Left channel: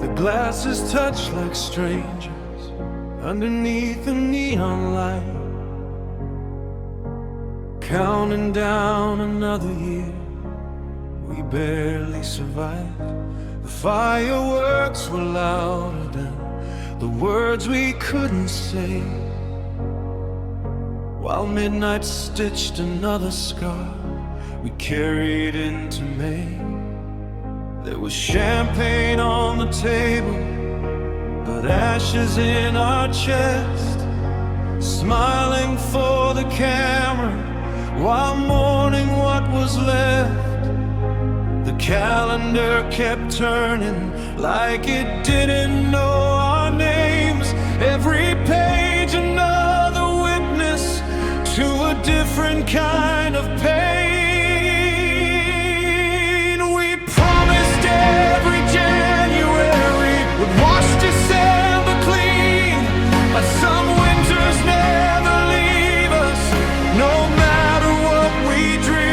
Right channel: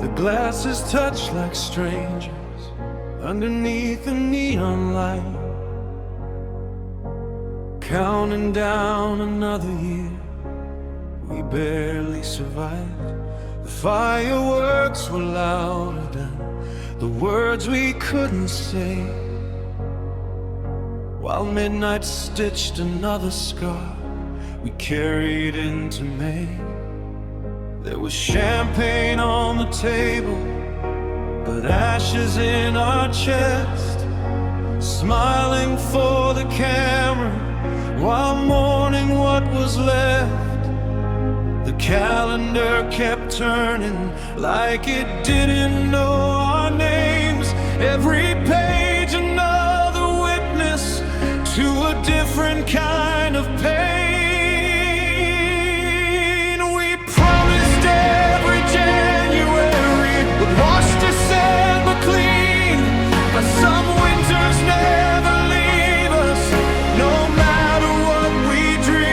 The glasses touch like strangers underneath the neon light, counting down another year. We barely survived. The fireworks were louder than the words we couldn't say, while midnight stitched another scar we carried into May. There was champagne on the table, but ashes in our chest, smiling for the camera while mourning what was left. The calendar kept turning like it didn't know our names. Every page another witness to a different kind of pain. We promised every January would wash December clean, but some winters never leave us, no matter what we dream.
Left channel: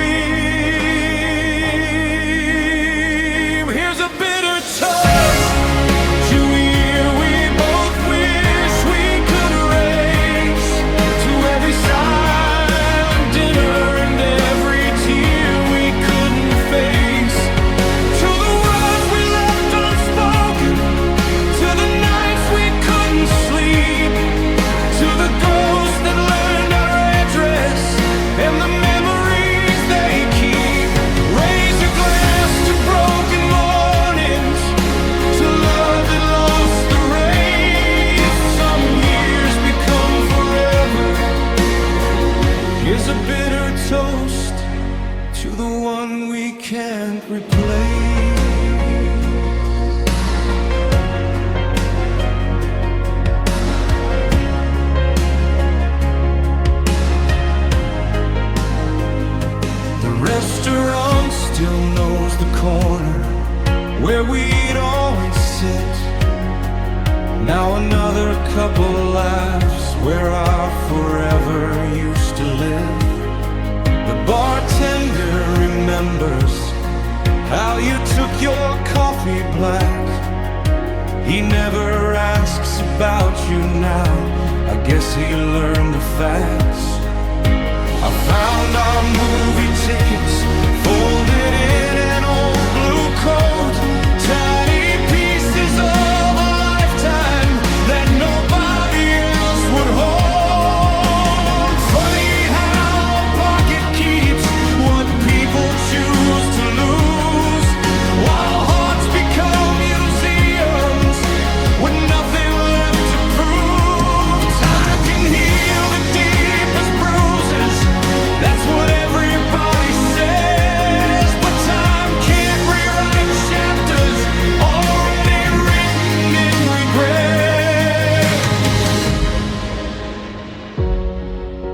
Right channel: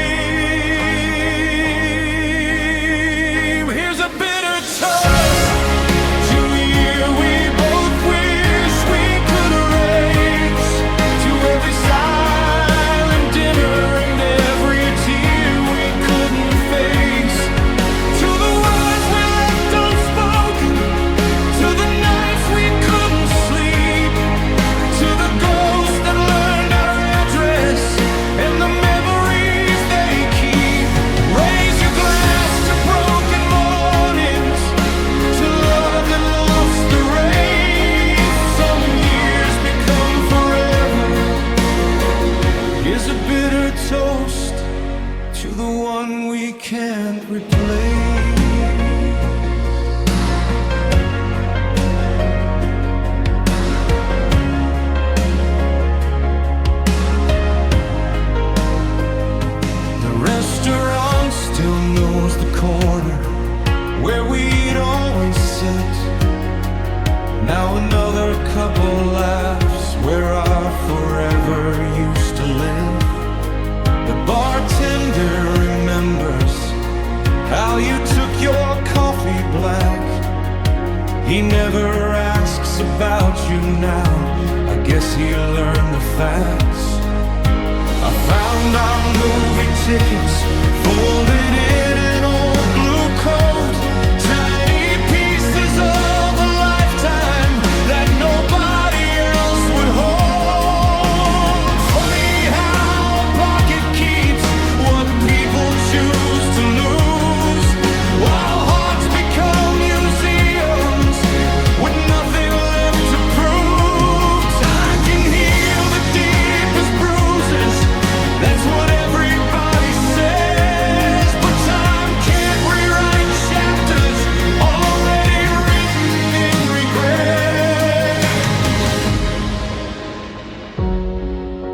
Here's a bitter toast to a year we both wish we could erase, to every silent dinner and every tear we couldn't face, to the words we left unspoken, to the nights we couldn't sleep, to the ghosts that learned our address and the memories they keep. Raise your glass to broken mornings, to love that lost the race. Some years become forever. Here's a bitter toast to the one we can't replace. The restaurant still knows the corner where we'd always sit. Now another couple laughs where our forever used to live. The bartender remembers how you took your coffee black. He never asks about you now, I guess he learned the facts. I found our movie tickets folded in an old blue coat, tiny pieces of a lifetime that nobody else would hold. Funny how a pocket keeps what people choose to lose, while hearts become museums with nothing left to prove. Time can heal the deepest bruises, that's what everybody says, but time can't rewrite chapters already written in regret.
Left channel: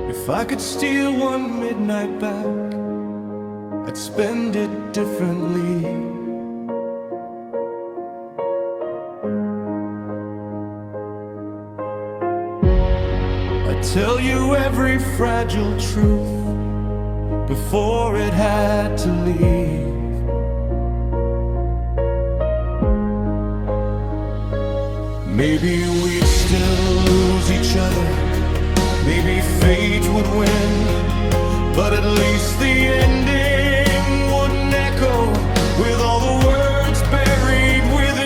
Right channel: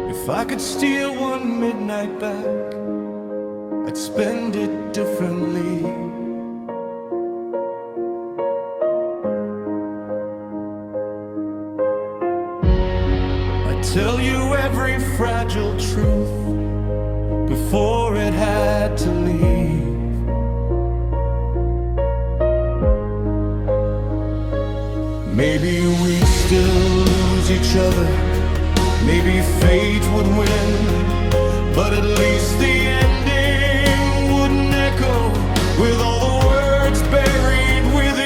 If I could steal one midnight back, I'd spend it differently. I'd tell you every fragile truth before it had to leave. Maybe we'd still lose each other, maybe fate would win, but at least the ending wouldn't echo with all the words buried within.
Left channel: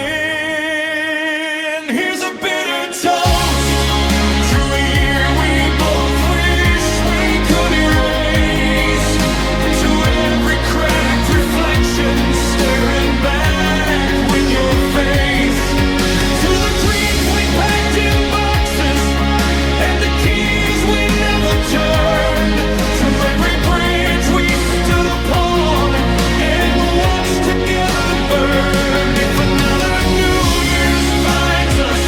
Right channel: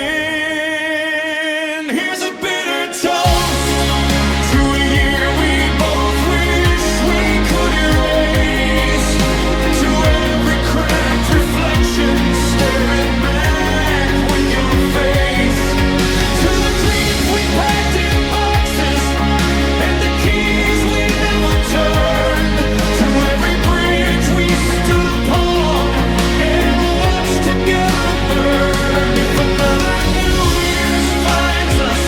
Here's a bitter toast to a year we both wish we could erase, to every cracked reflection staring back with your face, to the dreams we packed in boxes and the keys we never turned, to every bridge we stood upon and watched together burn. If another New Year's finds us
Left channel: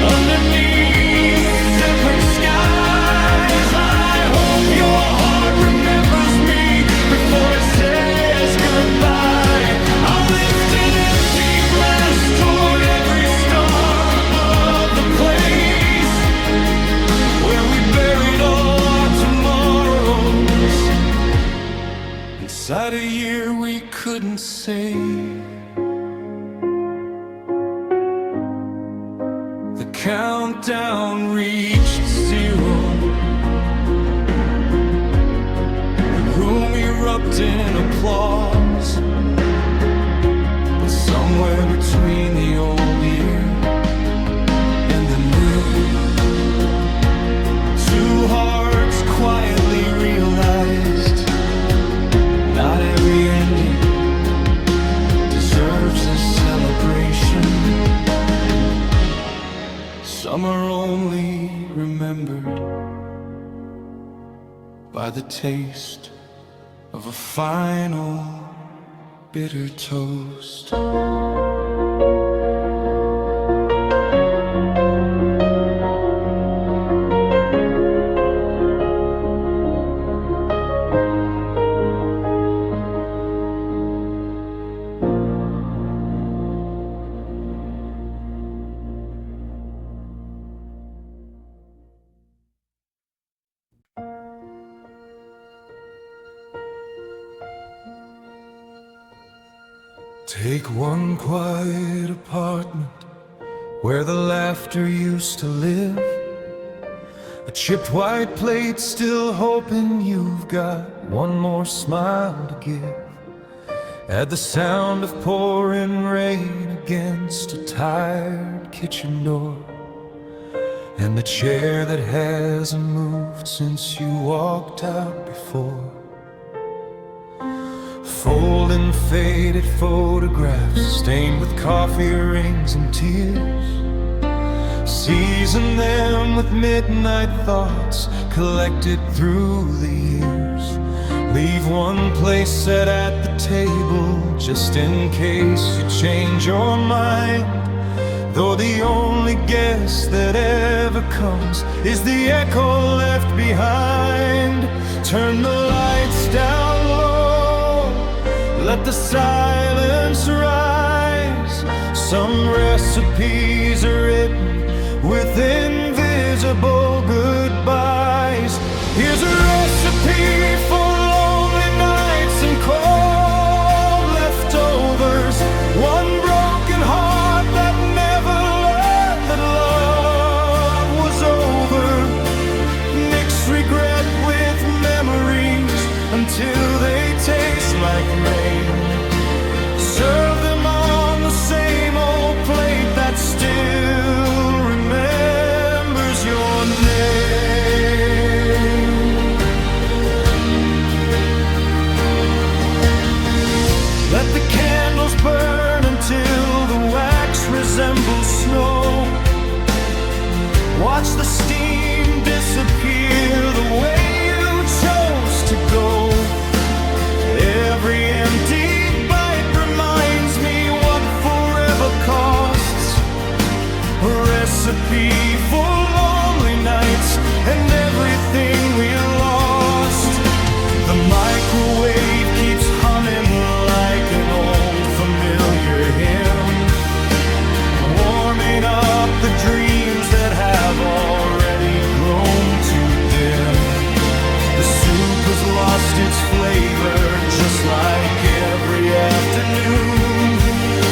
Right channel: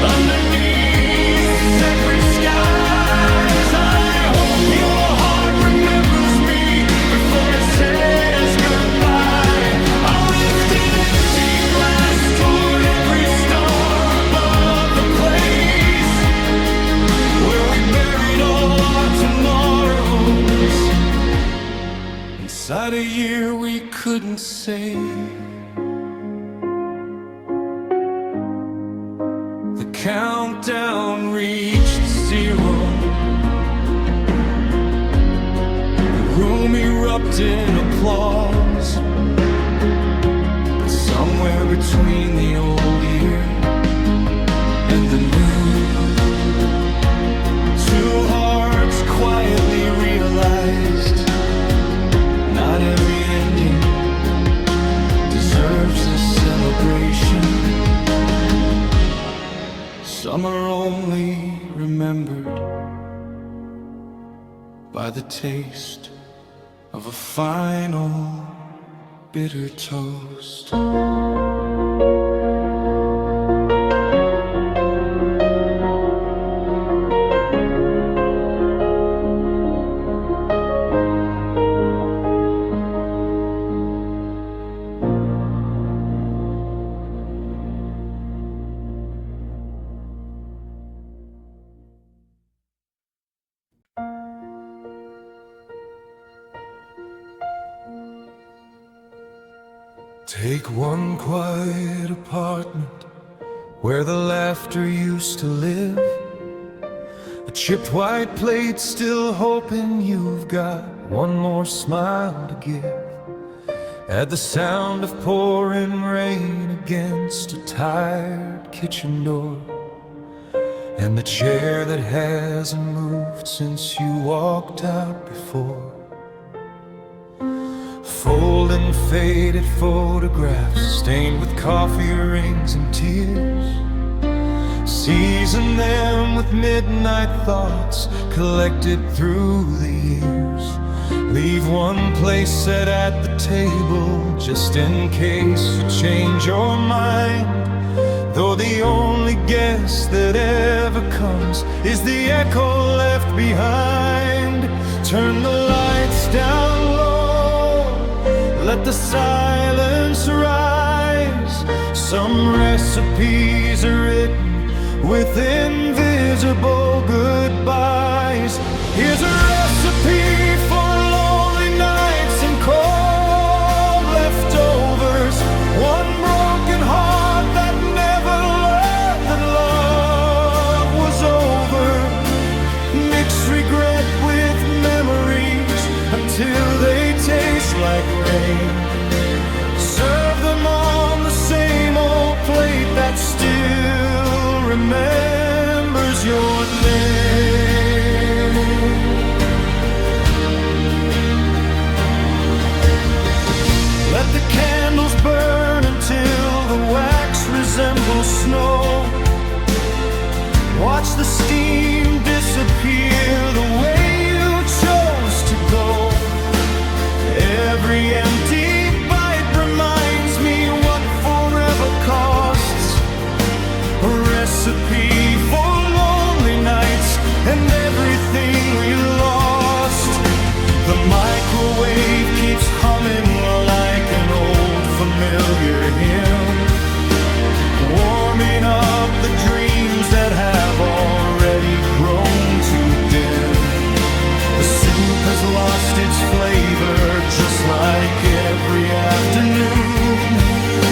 underneath separate skies, I hope your heart remembers me before it says goodbye. I'll lift an empty glass toward every star above the place where we buried all our tomorrows inside a year we couldn't save. countdown reached 0. The room erupted in applause. But somewhere between the old year and the new, two hearts quietly realized not every ending deserves a celebration. Some are only remembered by the taste of a final bitter toast. Take one quiet apartment where the laughter used to live. A chipped white plate, still hoping you've got one more smile to give. Add the sound of pouring rain against a tired kitchen door, and the chair that hasn't moved since you walked out before. Folding faded photographs stained with coffee rings and tears. Season them with midnight thoughts collected through the years. Leave one place set at the table just in case you change your mind. Though the only guest that ever comes is the echo left behind. Turn the lights down low, let the silence rise. Some recipes are written with invisible goodbyes. Here's a recipe for lonely nights and cold leftovers. One broken heart that never learned that love was over. Mix regret with memories until they taste like rain. Serve them on the same old plate that still remembers your name. Let the candles burn until the wax resembles snow. Watch the steam disappear the way you chose to go. Every empty bite reminds me what forever costs. A recipe for lonely nights and everything we lost. The microwave keeps humming like an old familiar hymn, warming up the dreams that have already grown too dim. The soup has lost its flavor just like every afternoon,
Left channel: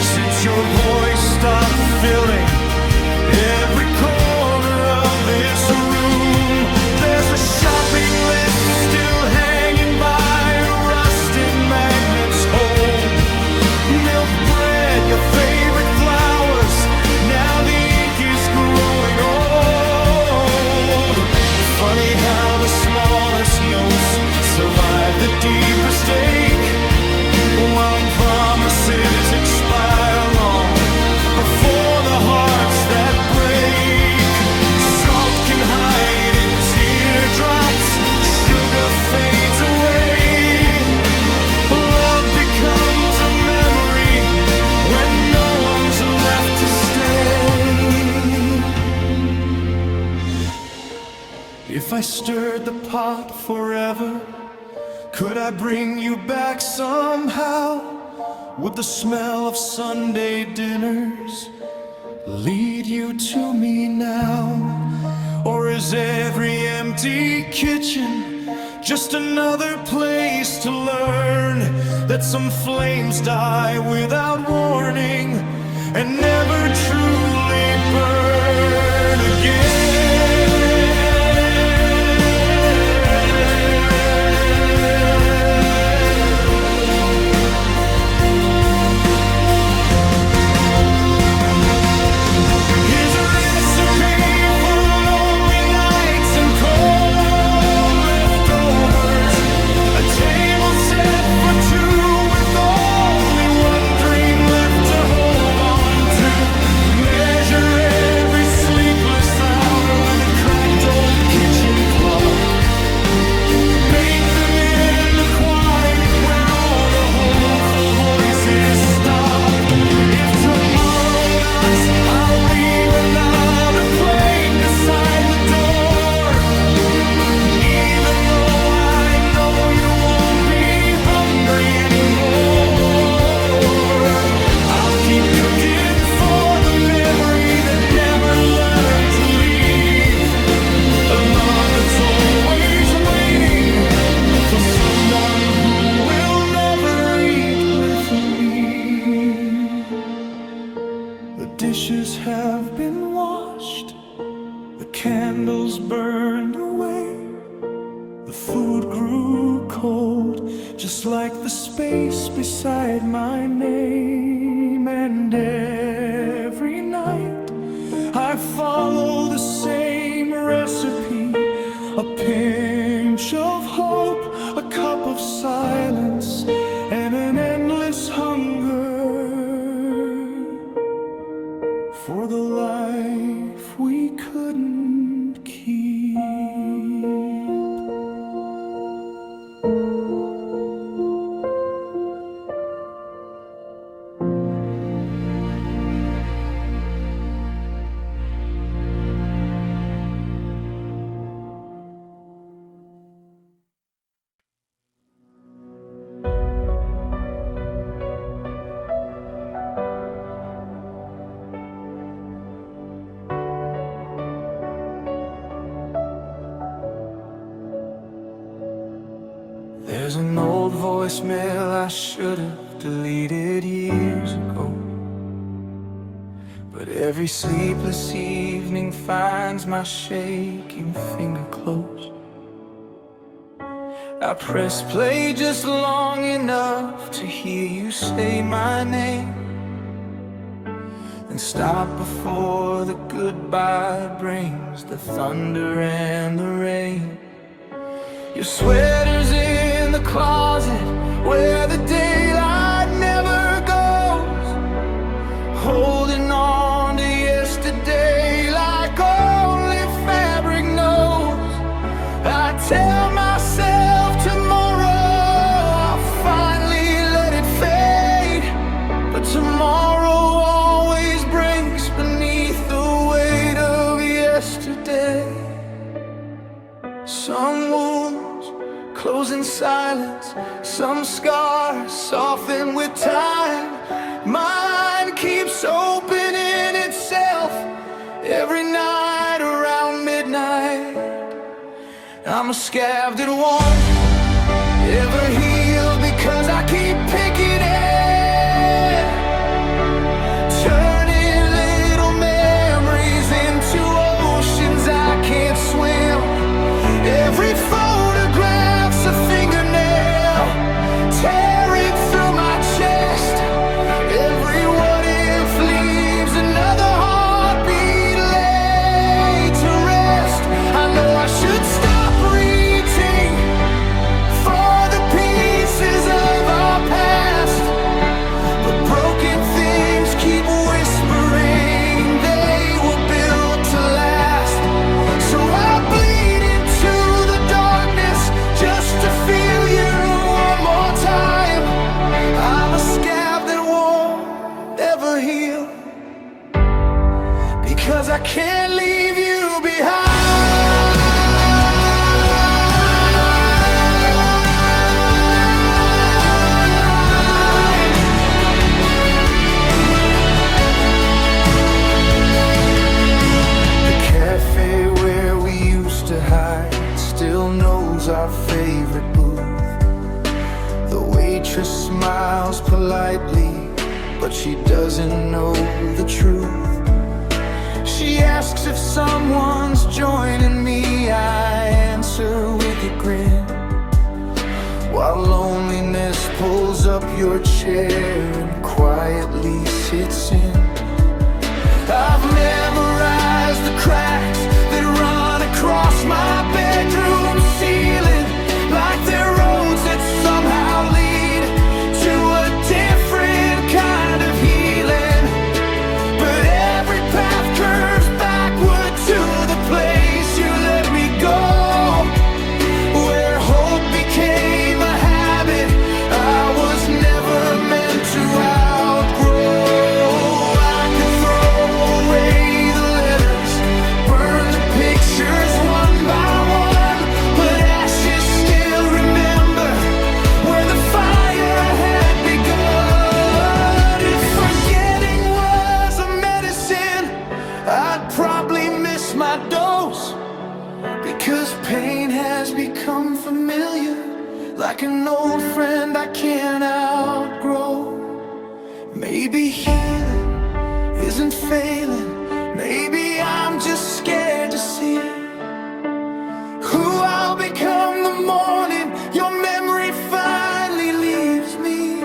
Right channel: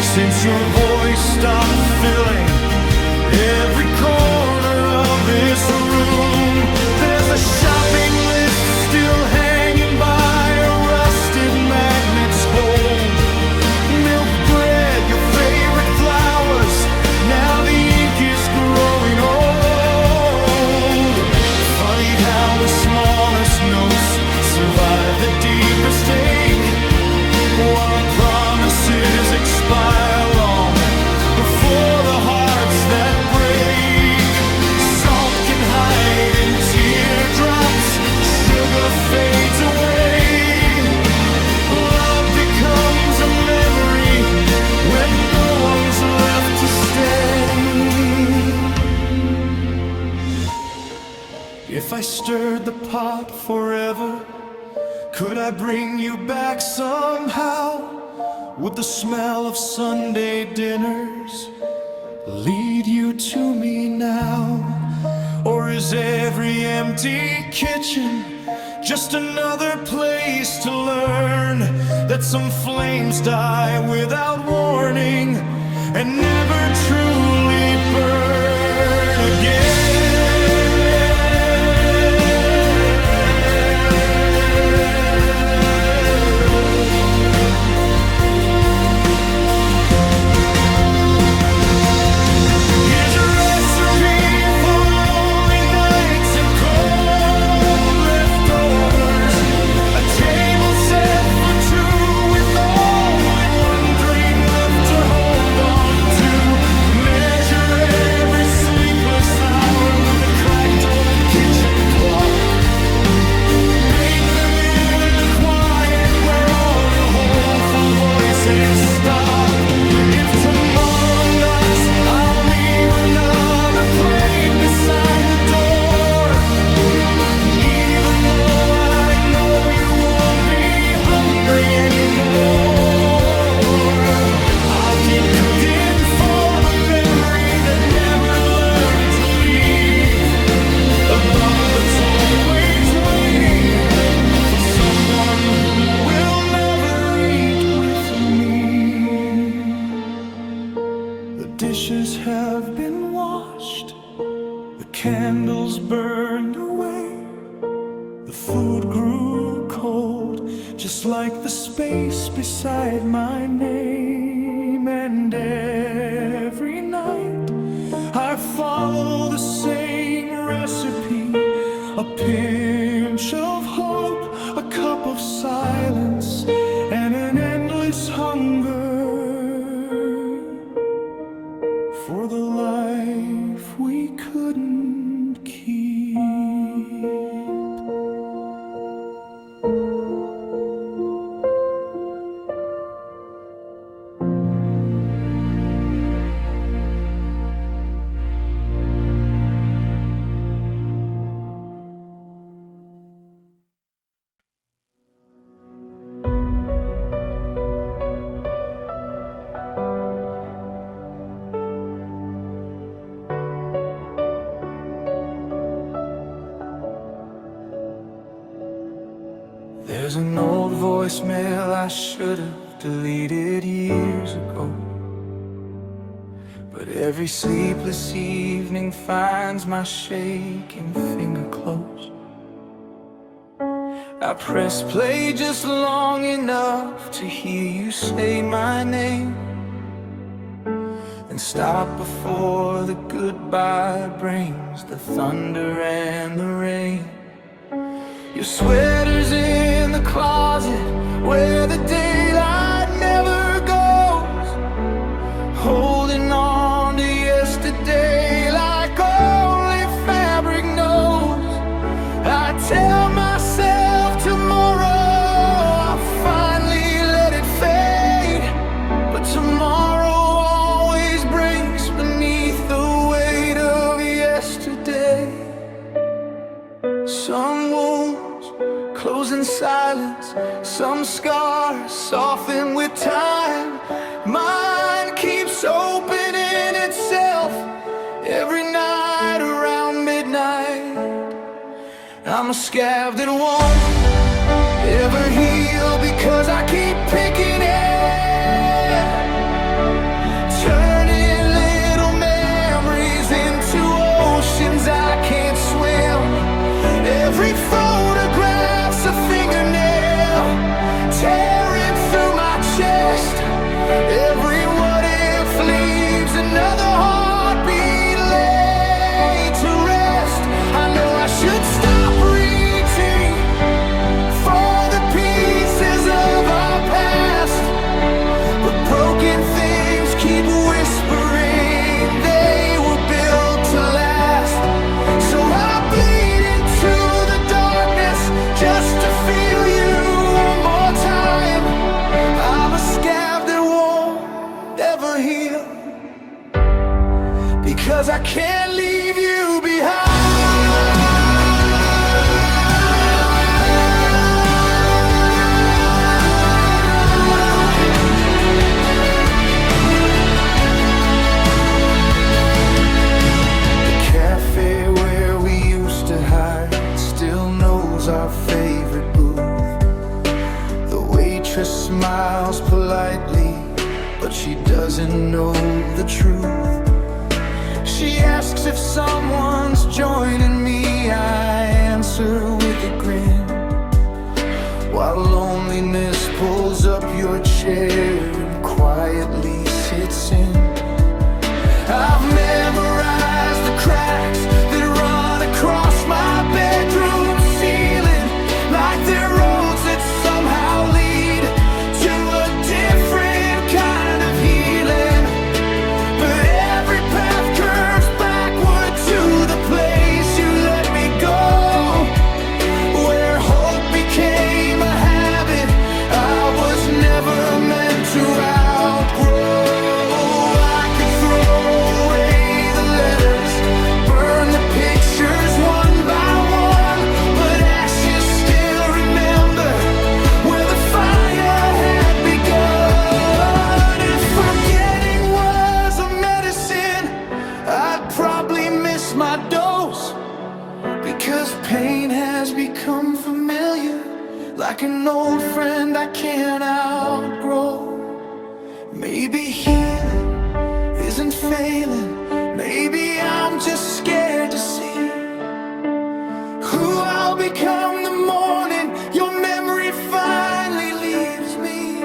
since your voice stopped filling every corner of this room. There's a shopping list still hanging by a rusted magnet's hold. Milk bread, your favorite flowers, now the ink is growing old. Funny how the smallest notes survive the deepest ache, while promises expire long before the hearts that break. Salt can hide in teardrops, sugar fades away. Love becomes a memory when no one's left to stay. If I stirred the pot forever, could I bring you back somehow? Would the smell of Sunday dinners lead you to me now? Or is every empty kitchen just another place to learn that some flames die without warning, and never truly burn again. Here's a recipe for lonely nights and cold leftovers, a table set for two with only one dream left to hold on to. Measure every sleepless hour with a cracked old kitchen clock. Bake them in the quiet where all the hopeful voices stop. If tomorrow knocks, I'll leave another plate beside the door. Even though I know you won't be hungry anymore, I'll keep cooking for the memory that never learned to leave. A love that's always waiting for someone who will never eat with me. The dishes have been washed, the candles burned away. The food grew cold, just like the space beside my name. And every night I follow the same recipe: a pinch of hope, a cup of silence, and an endless hunger for the life we couldn't keep. There's an old voicemail I should have deleted years ago, but every sleepless evening finds my shaking finger close. I press play just long enough to hear you say my name, then stop before the goodbye brings the thunder and the rain. Your sweater's in the closet where the daylight never goes, holding on to yesterday like only fabric knows. I tell myself tomorrow I'll finally let it fade, but tomorrow always breaks beneath the weight of yesterday. Some wounds close in silence, some scars soften with time. Mine keeps opening itself every night around midnight. I'm a scab that won't ever heal because I keep picking it, turning little memories into oceans I can't swim. Every photograph's a fingernail tearing through my chest. Every what if leaves another heartbeat laid to rest. I know I should stop reaching for the pieces of our past, but broken things keep whispering they were built to last. So I bleed into the darkness just to feel you one more time. I'm a scab that won't ever heal because I can't leave you behind. The cafe where we used to hide still knows our favorite booth. The waitress smiles politely, but she doesn't know the truth. She asks if someone's joining me, I answer with a grin, while loneliness pulls up your chair and quietly sits in. I've memorized the cracks that run across my bedroom ceiling, like they're roads that somehow lead to a different kind of healing. But every path curves backward to the place you let me go, where hope became a habit I was never meant to outgrow. I could throw away the letters, burn the pictures one by one, but ashes still remember where the fire had begun. If forgetting was a medicine, I'd probably miss my dose, because pain has become familiar, like an old friend I can't outgrow. Maybe healing isn't failing, maybe I'm just scared to see who I'll become the morning your memory finally leaves me.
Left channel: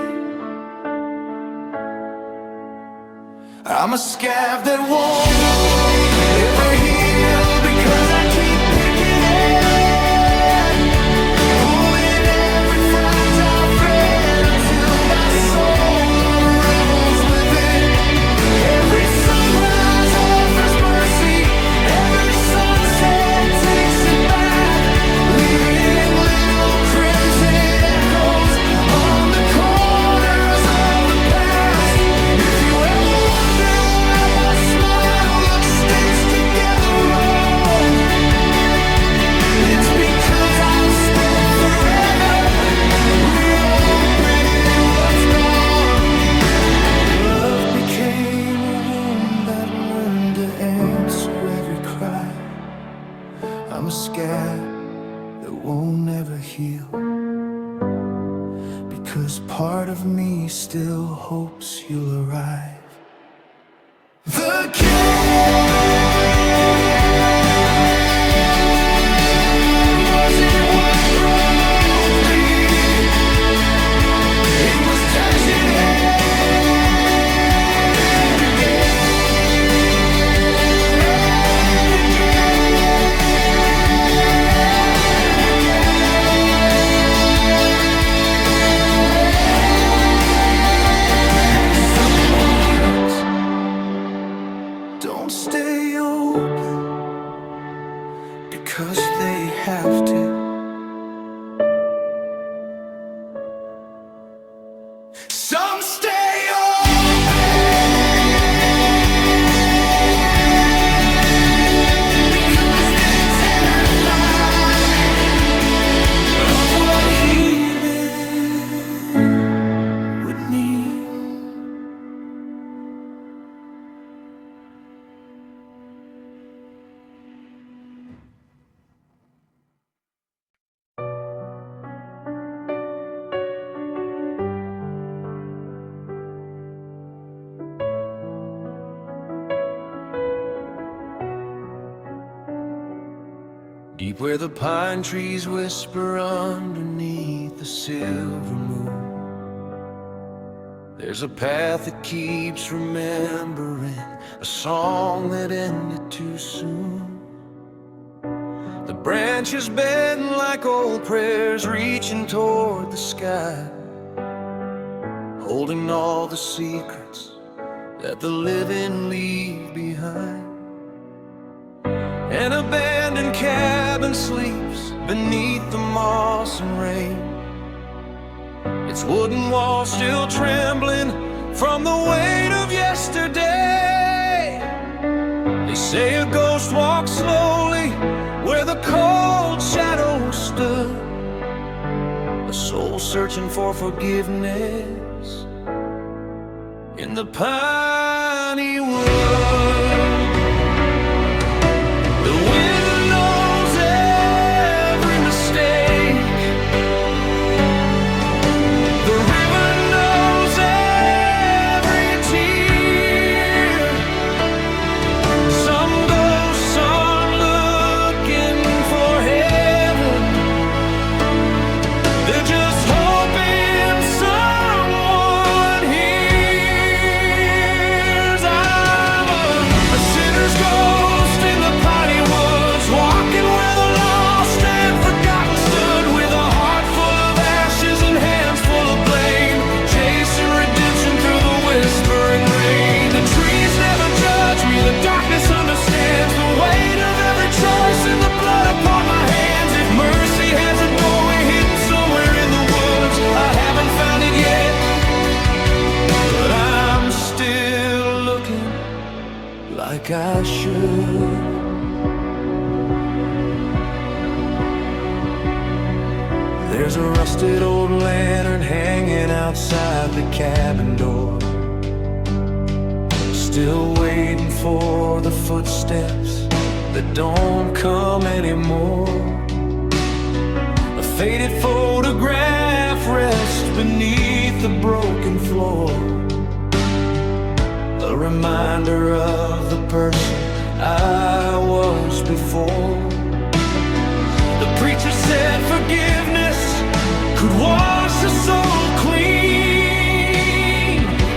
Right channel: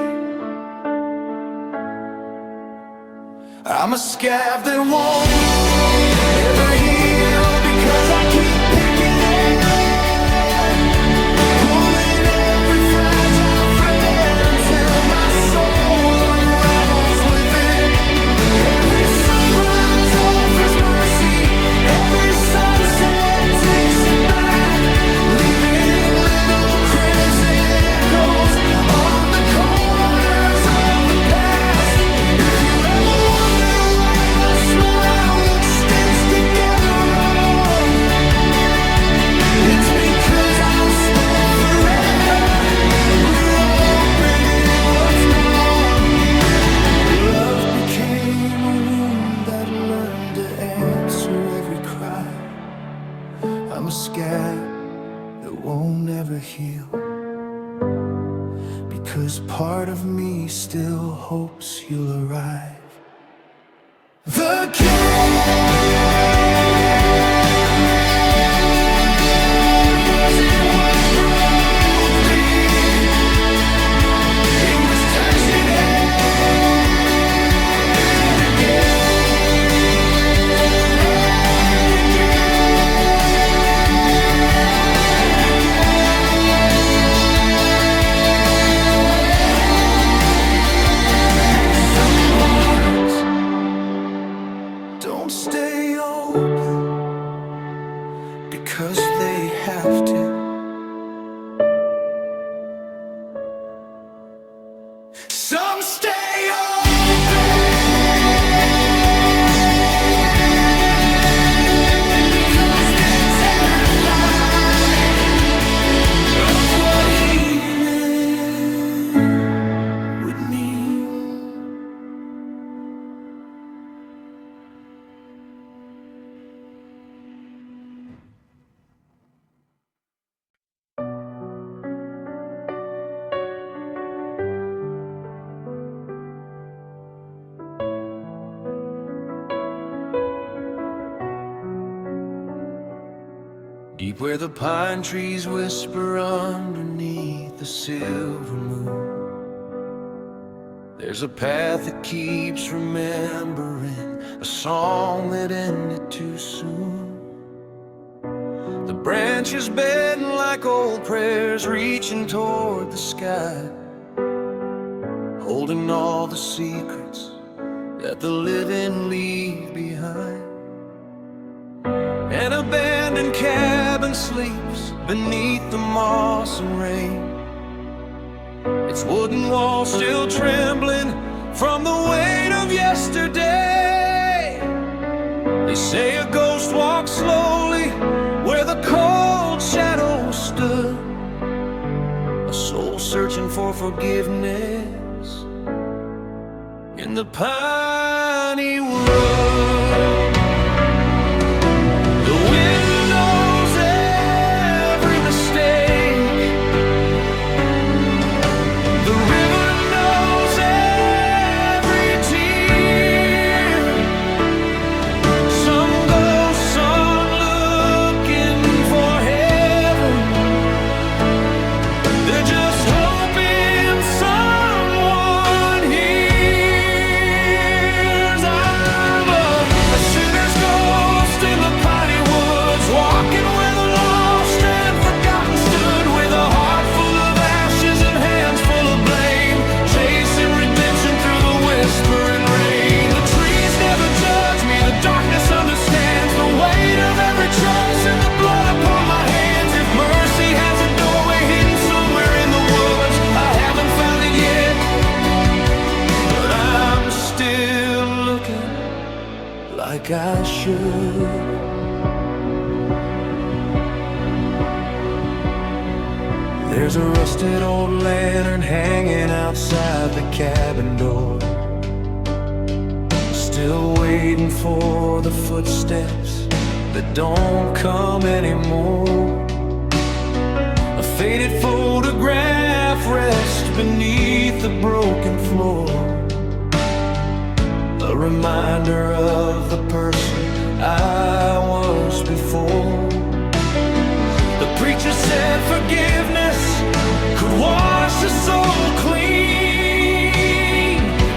I'm a scab that won't ever heal, because I keep picking it, pulling every fragile thread until my soul unravels with it. Every sunrise offers mercy, every sunset takes it back, leaving little crimson echoes on the corners of the past. If you ever wonder why my smile looks stitched together wrong, it's because I've spent forever reopening what's gone. Love became a wound that learned to answer every cry. I'm a scab that won't ever heal, because part of me still hopes you'll arrive. The wasn't what broke me, it was touching it again and again and again. Some hearts don't stay open because they have to. Some stay open because they're terrified of what healing would mean. Deep where the pine trees whisper underneath the silver moon, there's a path that keeps remembering a song that ended too soon. The branches bend like old prayers, reaching toward the sky, holding all the secrets that the living leave behind. An abandoned cabin sleeps beneath the moss and rain, its wooden walls still trembling from the weight of yesterday. They say a ghost walks slowly where the cold shadows stood, a soul searching for forgiveness in the piney wood. The wind knows every mistake, the river knows every working like I should. There's a rusted old lantern hanging outside the cabin door, still waiting for the footsteps that don't come anymore. A faded photograph rests beneath the broken floor, a reminder of the person I was before. The preacher said forgiveness could wash a soul clean,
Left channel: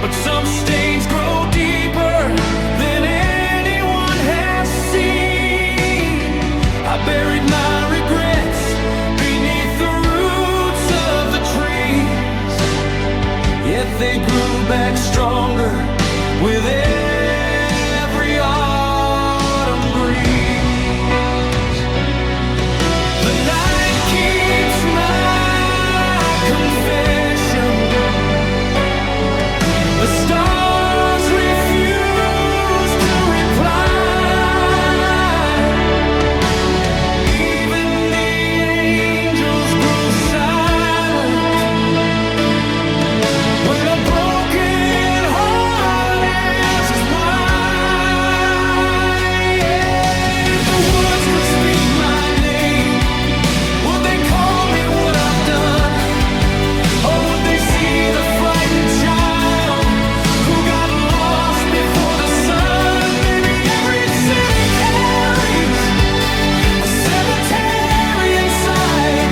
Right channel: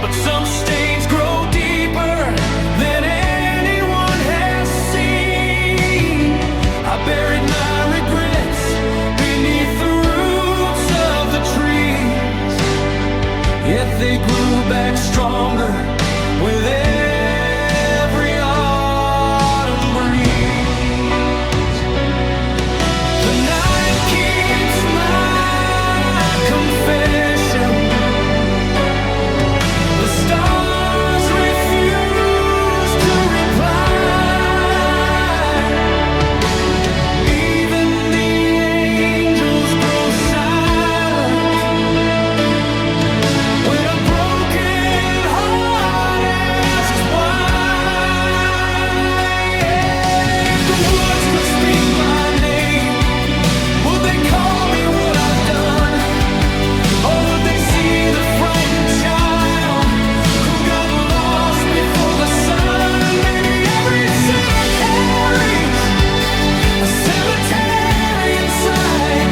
but some stains grow deeper than anyone has seen. I buried my regrets beneath the roots of the trees, yet they grew back stronger with every autumn breeze. The night keeps my confession, the stars refuse to reply, even the angels grow silent when a broken heart asks why. If the woods could speak my name, would they call me what I've done? Or would they see the frightened child who got lost before the sun? Maybe every sinner carries a cemetery inside,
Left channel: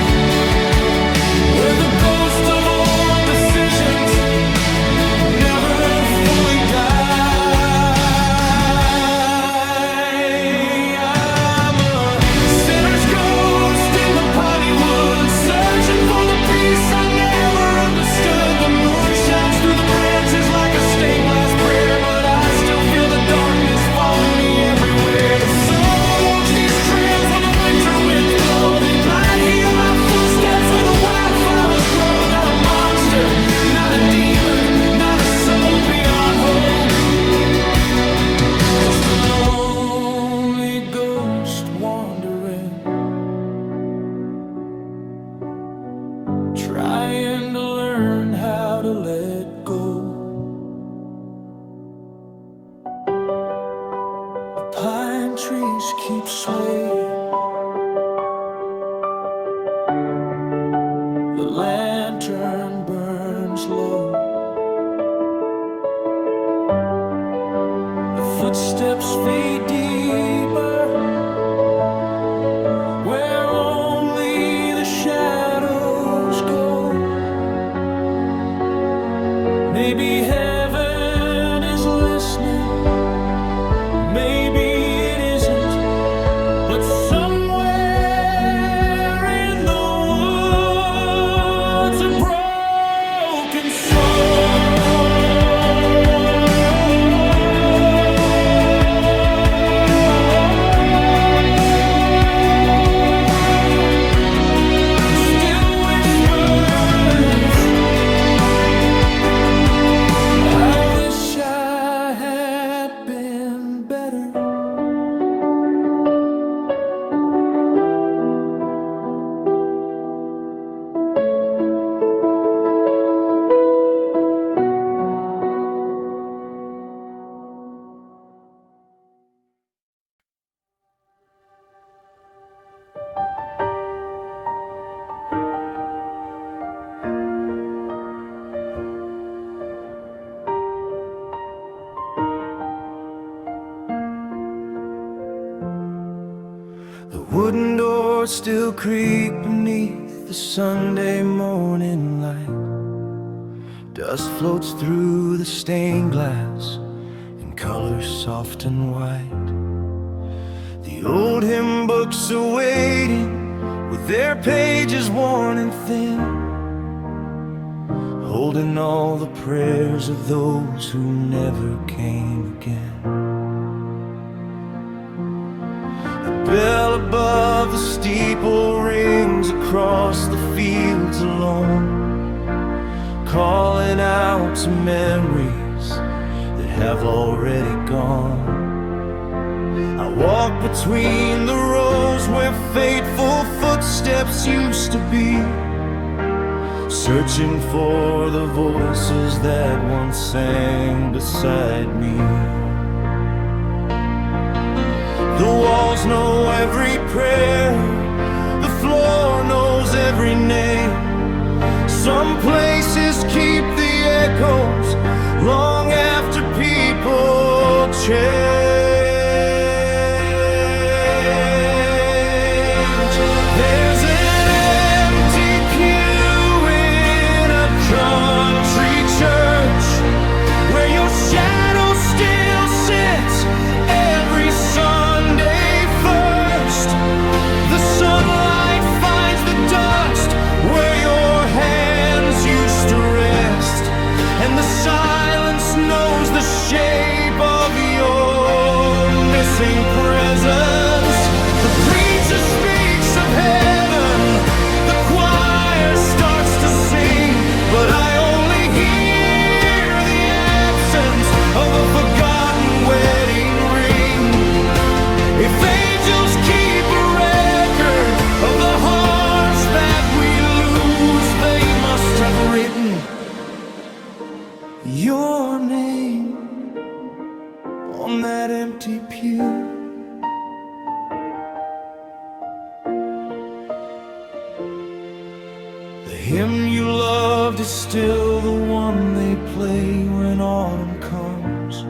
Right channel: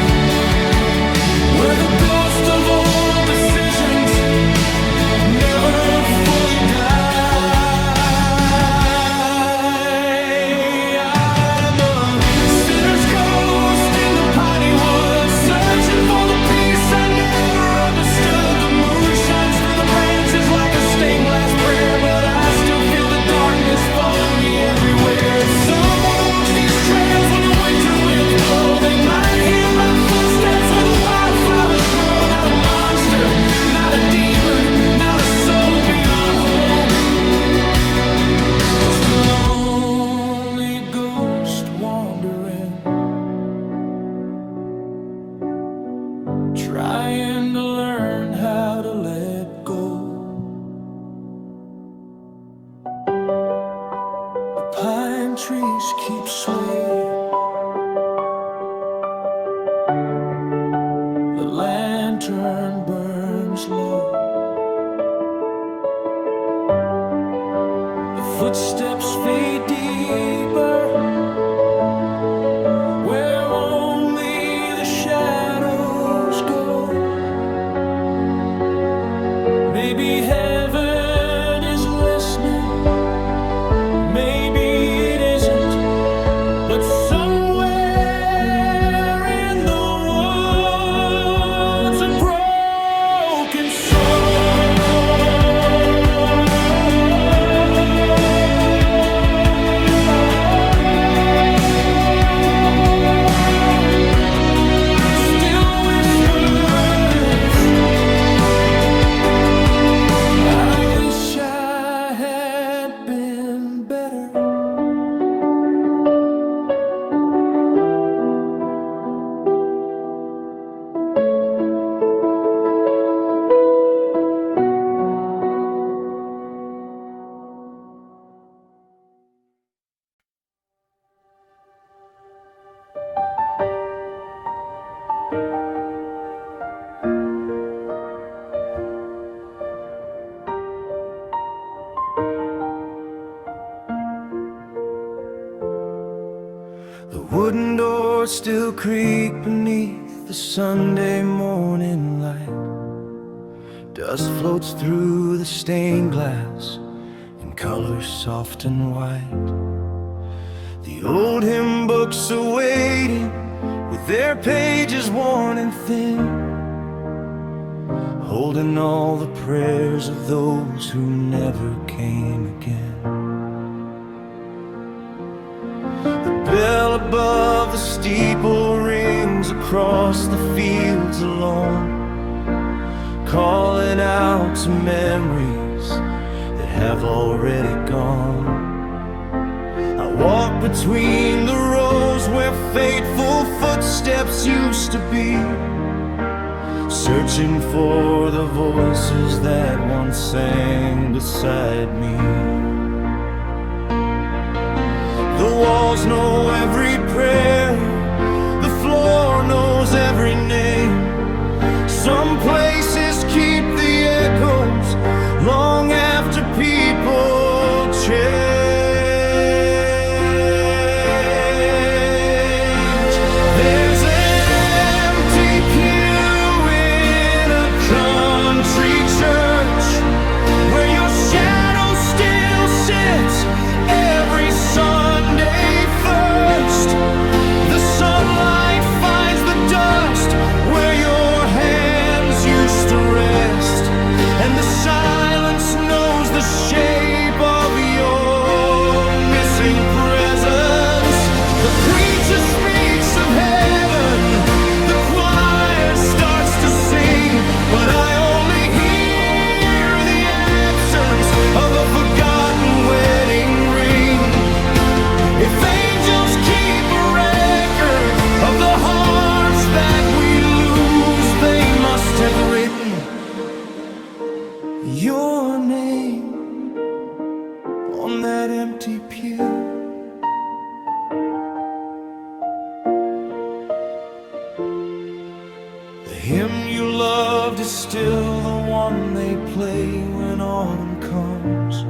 where the ghost of old decisions never fully die. I'm a sinner's ghost in the piney woods, searching for the peace I never understood. The moon shines through the branches like a stained glass prayer, but I still feel the darkness following me everywhere. Someone walks these trails when the winter winds blow. They might hear my footsteps where the wildflowers grow. Not a monster, not a demon, not a soul beyond hope, just a lonely ghost wandering, trying to learn how to let go. The pine trees keep swaying, the lantern burns low, the footsteps fade deeper, where only the shadows go. Maybe heaven is listening, maybe it isn't, but somewhere in the woods a broken soul still whispers, I wish I had been better. The wooden doors still creak beneath the Sunday morning light. Dust floats through the stained glass in colors soft and white. The old hymn books are waiting with their pages worn and thin, holding all the prayers of those who never came again. The bell above the steeple rings across the fields alone, calling out to memories that have already gone. I walk between the rows where fateful footsteps used to be, searching for the voices that once sang beside me. The walls know every prayer, the floor knows every name. Some places keep the echoes long after people change. There's an empty pew in a country church where your shadow still sits every Sunday first. The sunlight finds the dust where your hands used to rest, and the silence knows the shape of your missing presence. The preacher speaks of heaven, the choir starts to sing, but I only hear the absence of a forgotten wedding ring. If angels keep a record of the hearts that we lose, they must have written your name on that empty pew. The hymn you loved is still the one they play when autumn comes.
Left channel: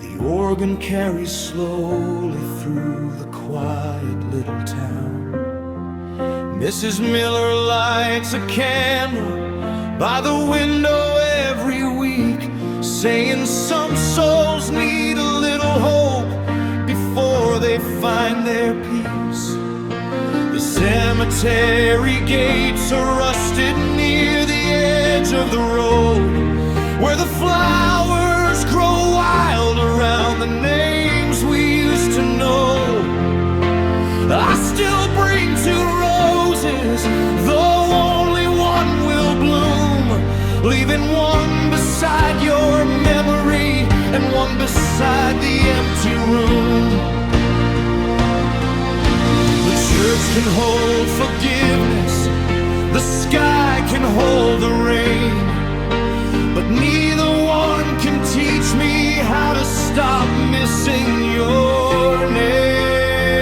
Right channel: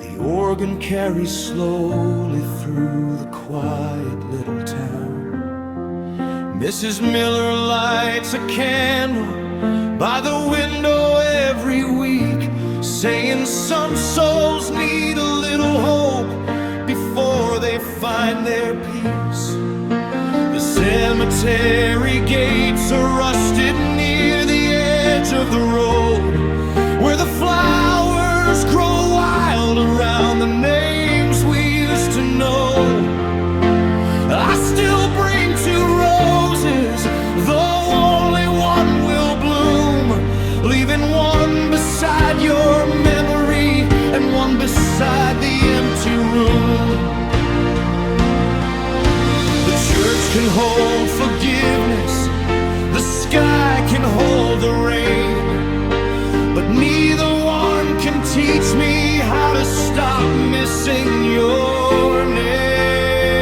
The organ carries slowly through the quiet little town. Mrs. Miller lights a candle by the window every week, saying some souls need a little hope before they find their peace. The cemetery gates are rusted near the edge of the road, where the flowers grow wild around the names we used to know. I still bring 2 roses, though only one will bloom, leaving one beside your memory and one beside the empty room. The church can hold forgiveness, the sky can hold the rain, but neither one can teach me how to stop missing your name.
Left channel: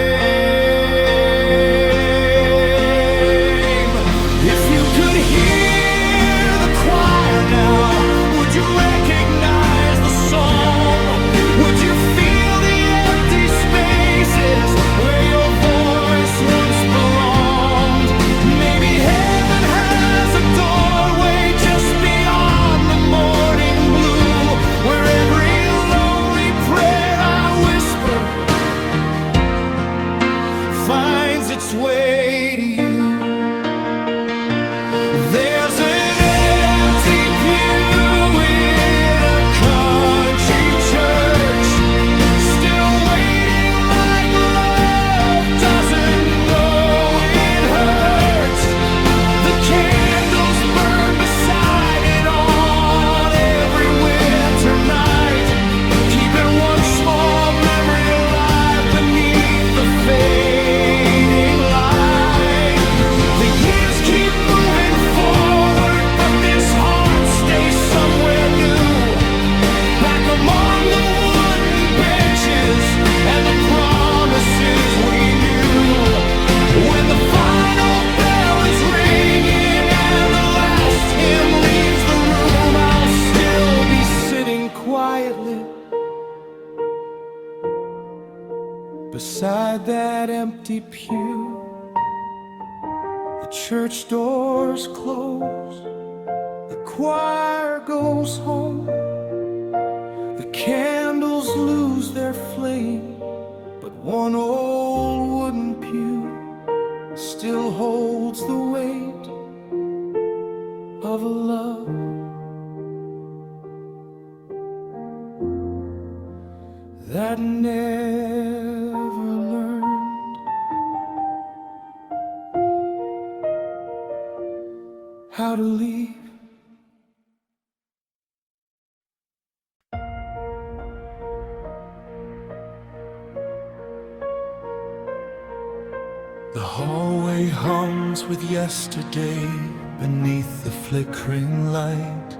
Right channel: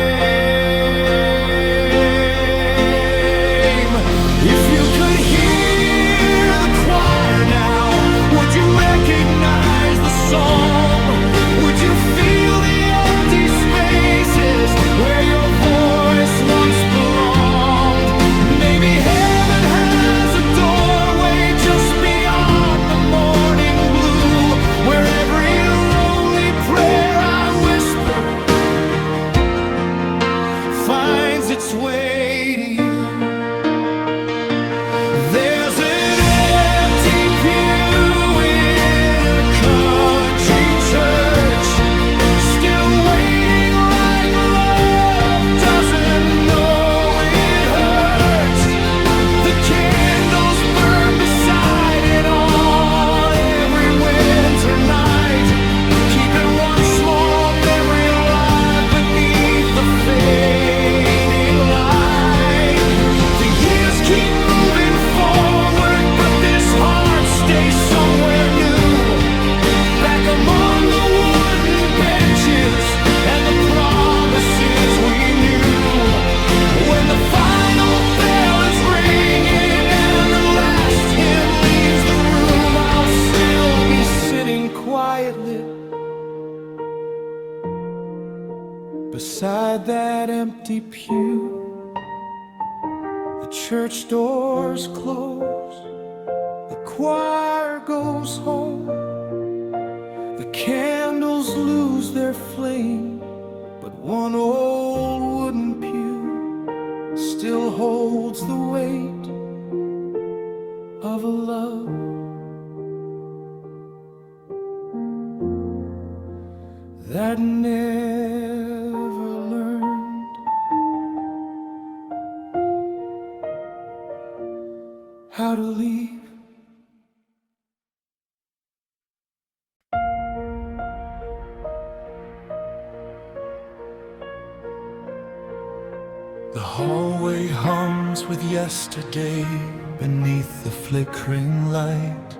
If you could hear the choir now, would you recognize the song? Would you feel the empty spaces where your voice once belonged? Maybe heaven has a doorway just beyond the morning blue, where every lonely prayer I whisper finds its way to you. There's an empty pew in a country church, still waiting like love doesn't know it hurts. The candles burn beside it on every winter night, keeping one small memory alive beneath the fading light. The years keep moving forward, but this heart stays somewhere new, back among the wooden benches and the promises we knew. When the final bell is ringing and the last hymn leaves the room, I'll still be sitting quietly beside that empty pew. The church doors close, the choir goes home, the candles lose their flame, but one old wooden pew still holds the weight of a love that never learned how to leave. The hallway hums with yesterday beneath the flickering light.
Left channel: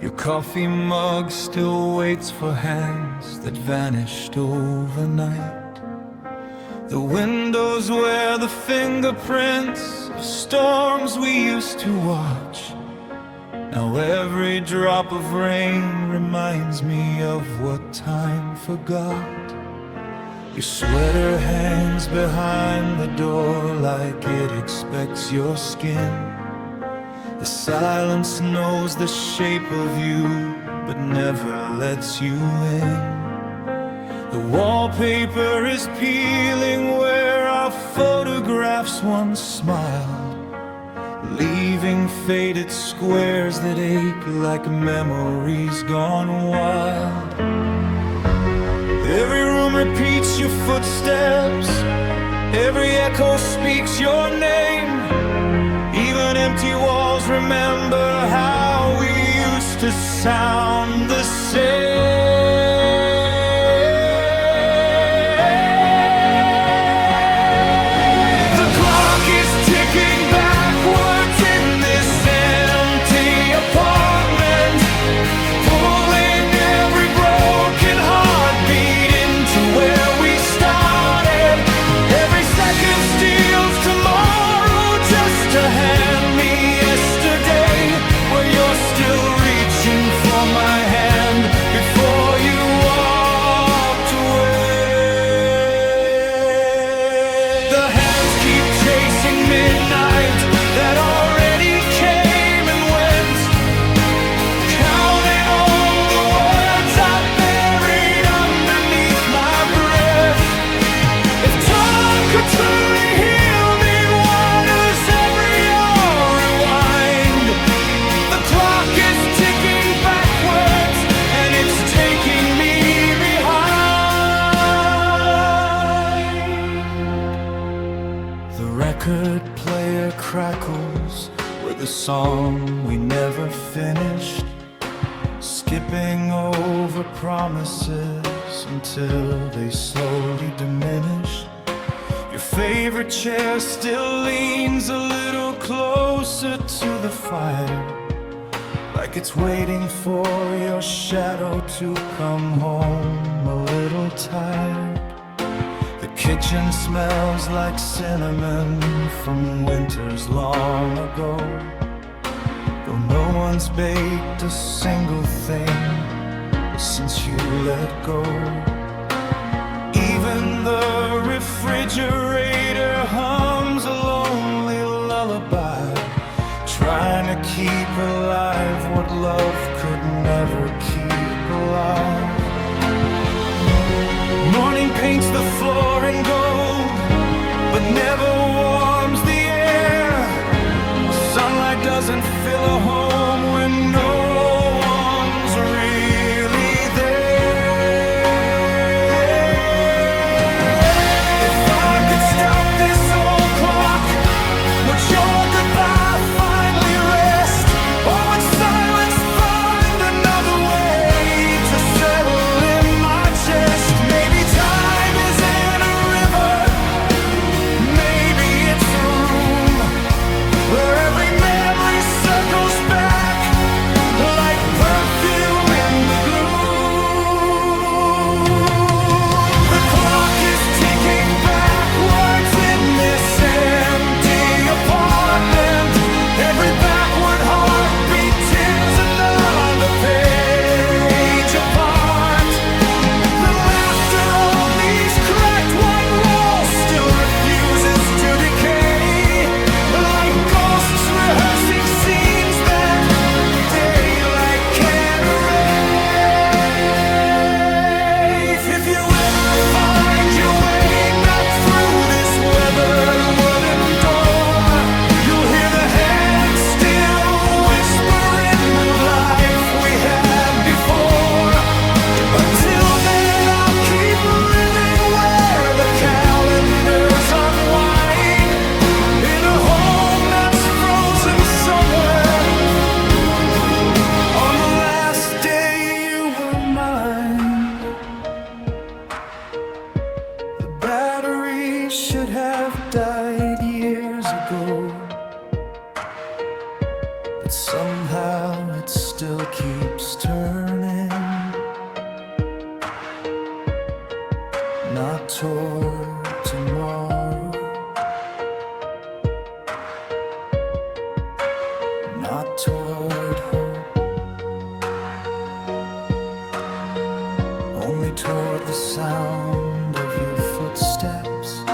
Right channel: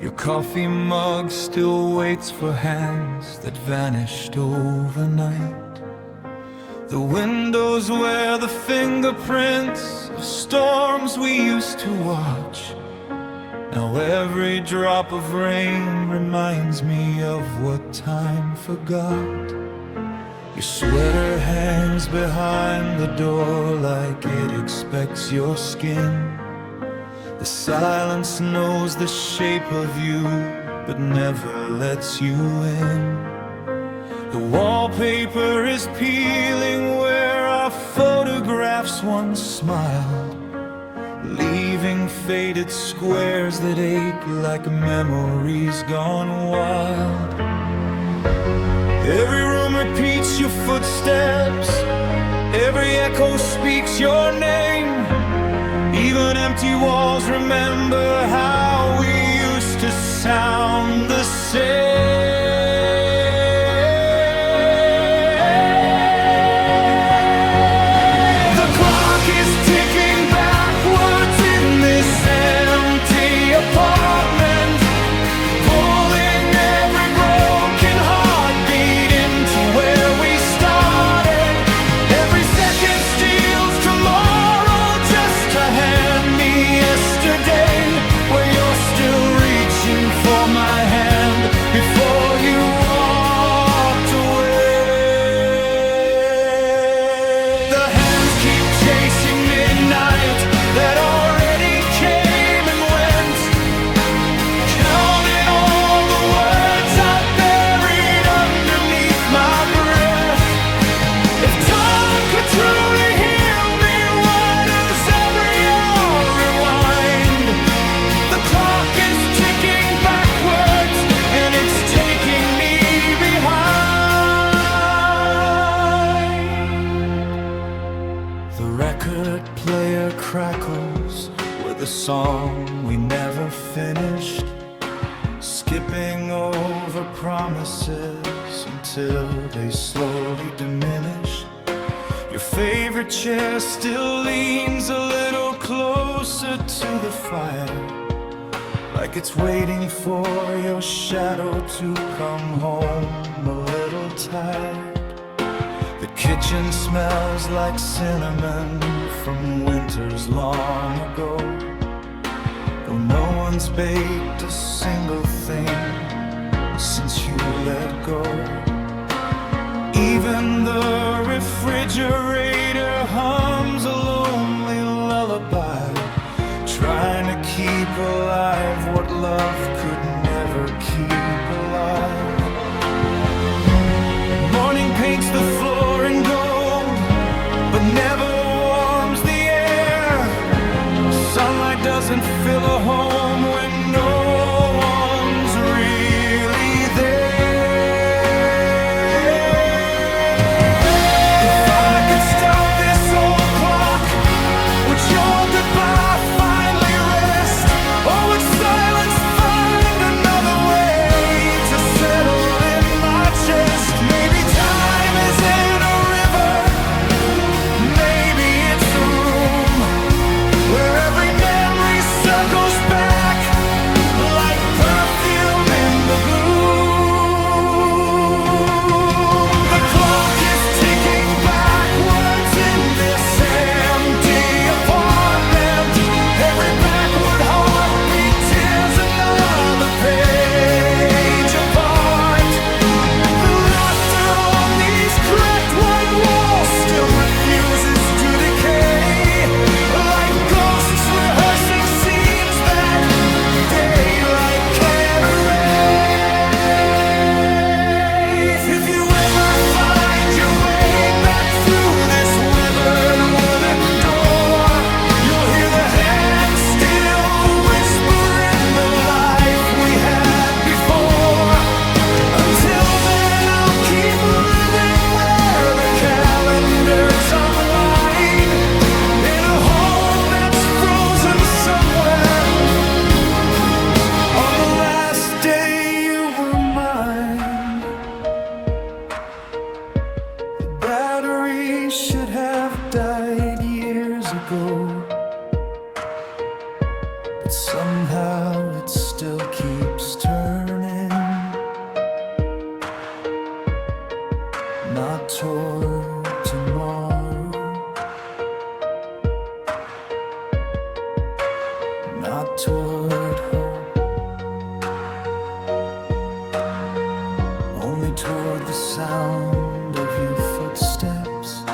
Your coffee mug still waits for hands that vanished overnight. The windows wear the fingerprints of storms we used to watch. Now every drop of rain reminds me of what time forgot. Your sweater hangs behind the door like it expects your skin. The silence knows the shape of you, but never lets you in. The wallpaper is peeling where our photographs once smiled, leaving faded squares that ache like memories gone wild. Every room repeats your footsteps, every echo speaks your name. Even empty walls remember how we used to sound the same. The clock is ticking backwards in this empty apartment, pulling every broken heartbeat into where we started. Every second steals tomorrow just to hand me yesterday, where you're still reaching for my hand before you walked away. The hands keep chasing midnight that already came and went, counting all the words I've buried underneath my breath. If time could truly heal me, why does every hour rewind? The clock is ticking backwards and it's taking me behind. The record player crackles with a song we never finished, skipping over promises until they slowly diminish. Your favorite chair still leans a little closer to the fire, like it's waiting for your shadow to come home a little tired. The kitchen smells like cinnamon from winters long ago, though no one's baked a single thing since you let go. Even the refrigerator hums a lonely lullaby, trying to keep alive what love could never keep alive. Morning paints the floor in gold, but never warms the air. Sunlight doesn't fill a home when no one's really there. If I could stop this old clock, would your goodbye finally rest? Or would silence find another way to settle in my chest? Maybe time is in a river, maybe it's a room where every memory circles back love died years ago, but somehow it still keeps turning. Not toward tomorrow, not toward hope, only toward the sound of your footsteps,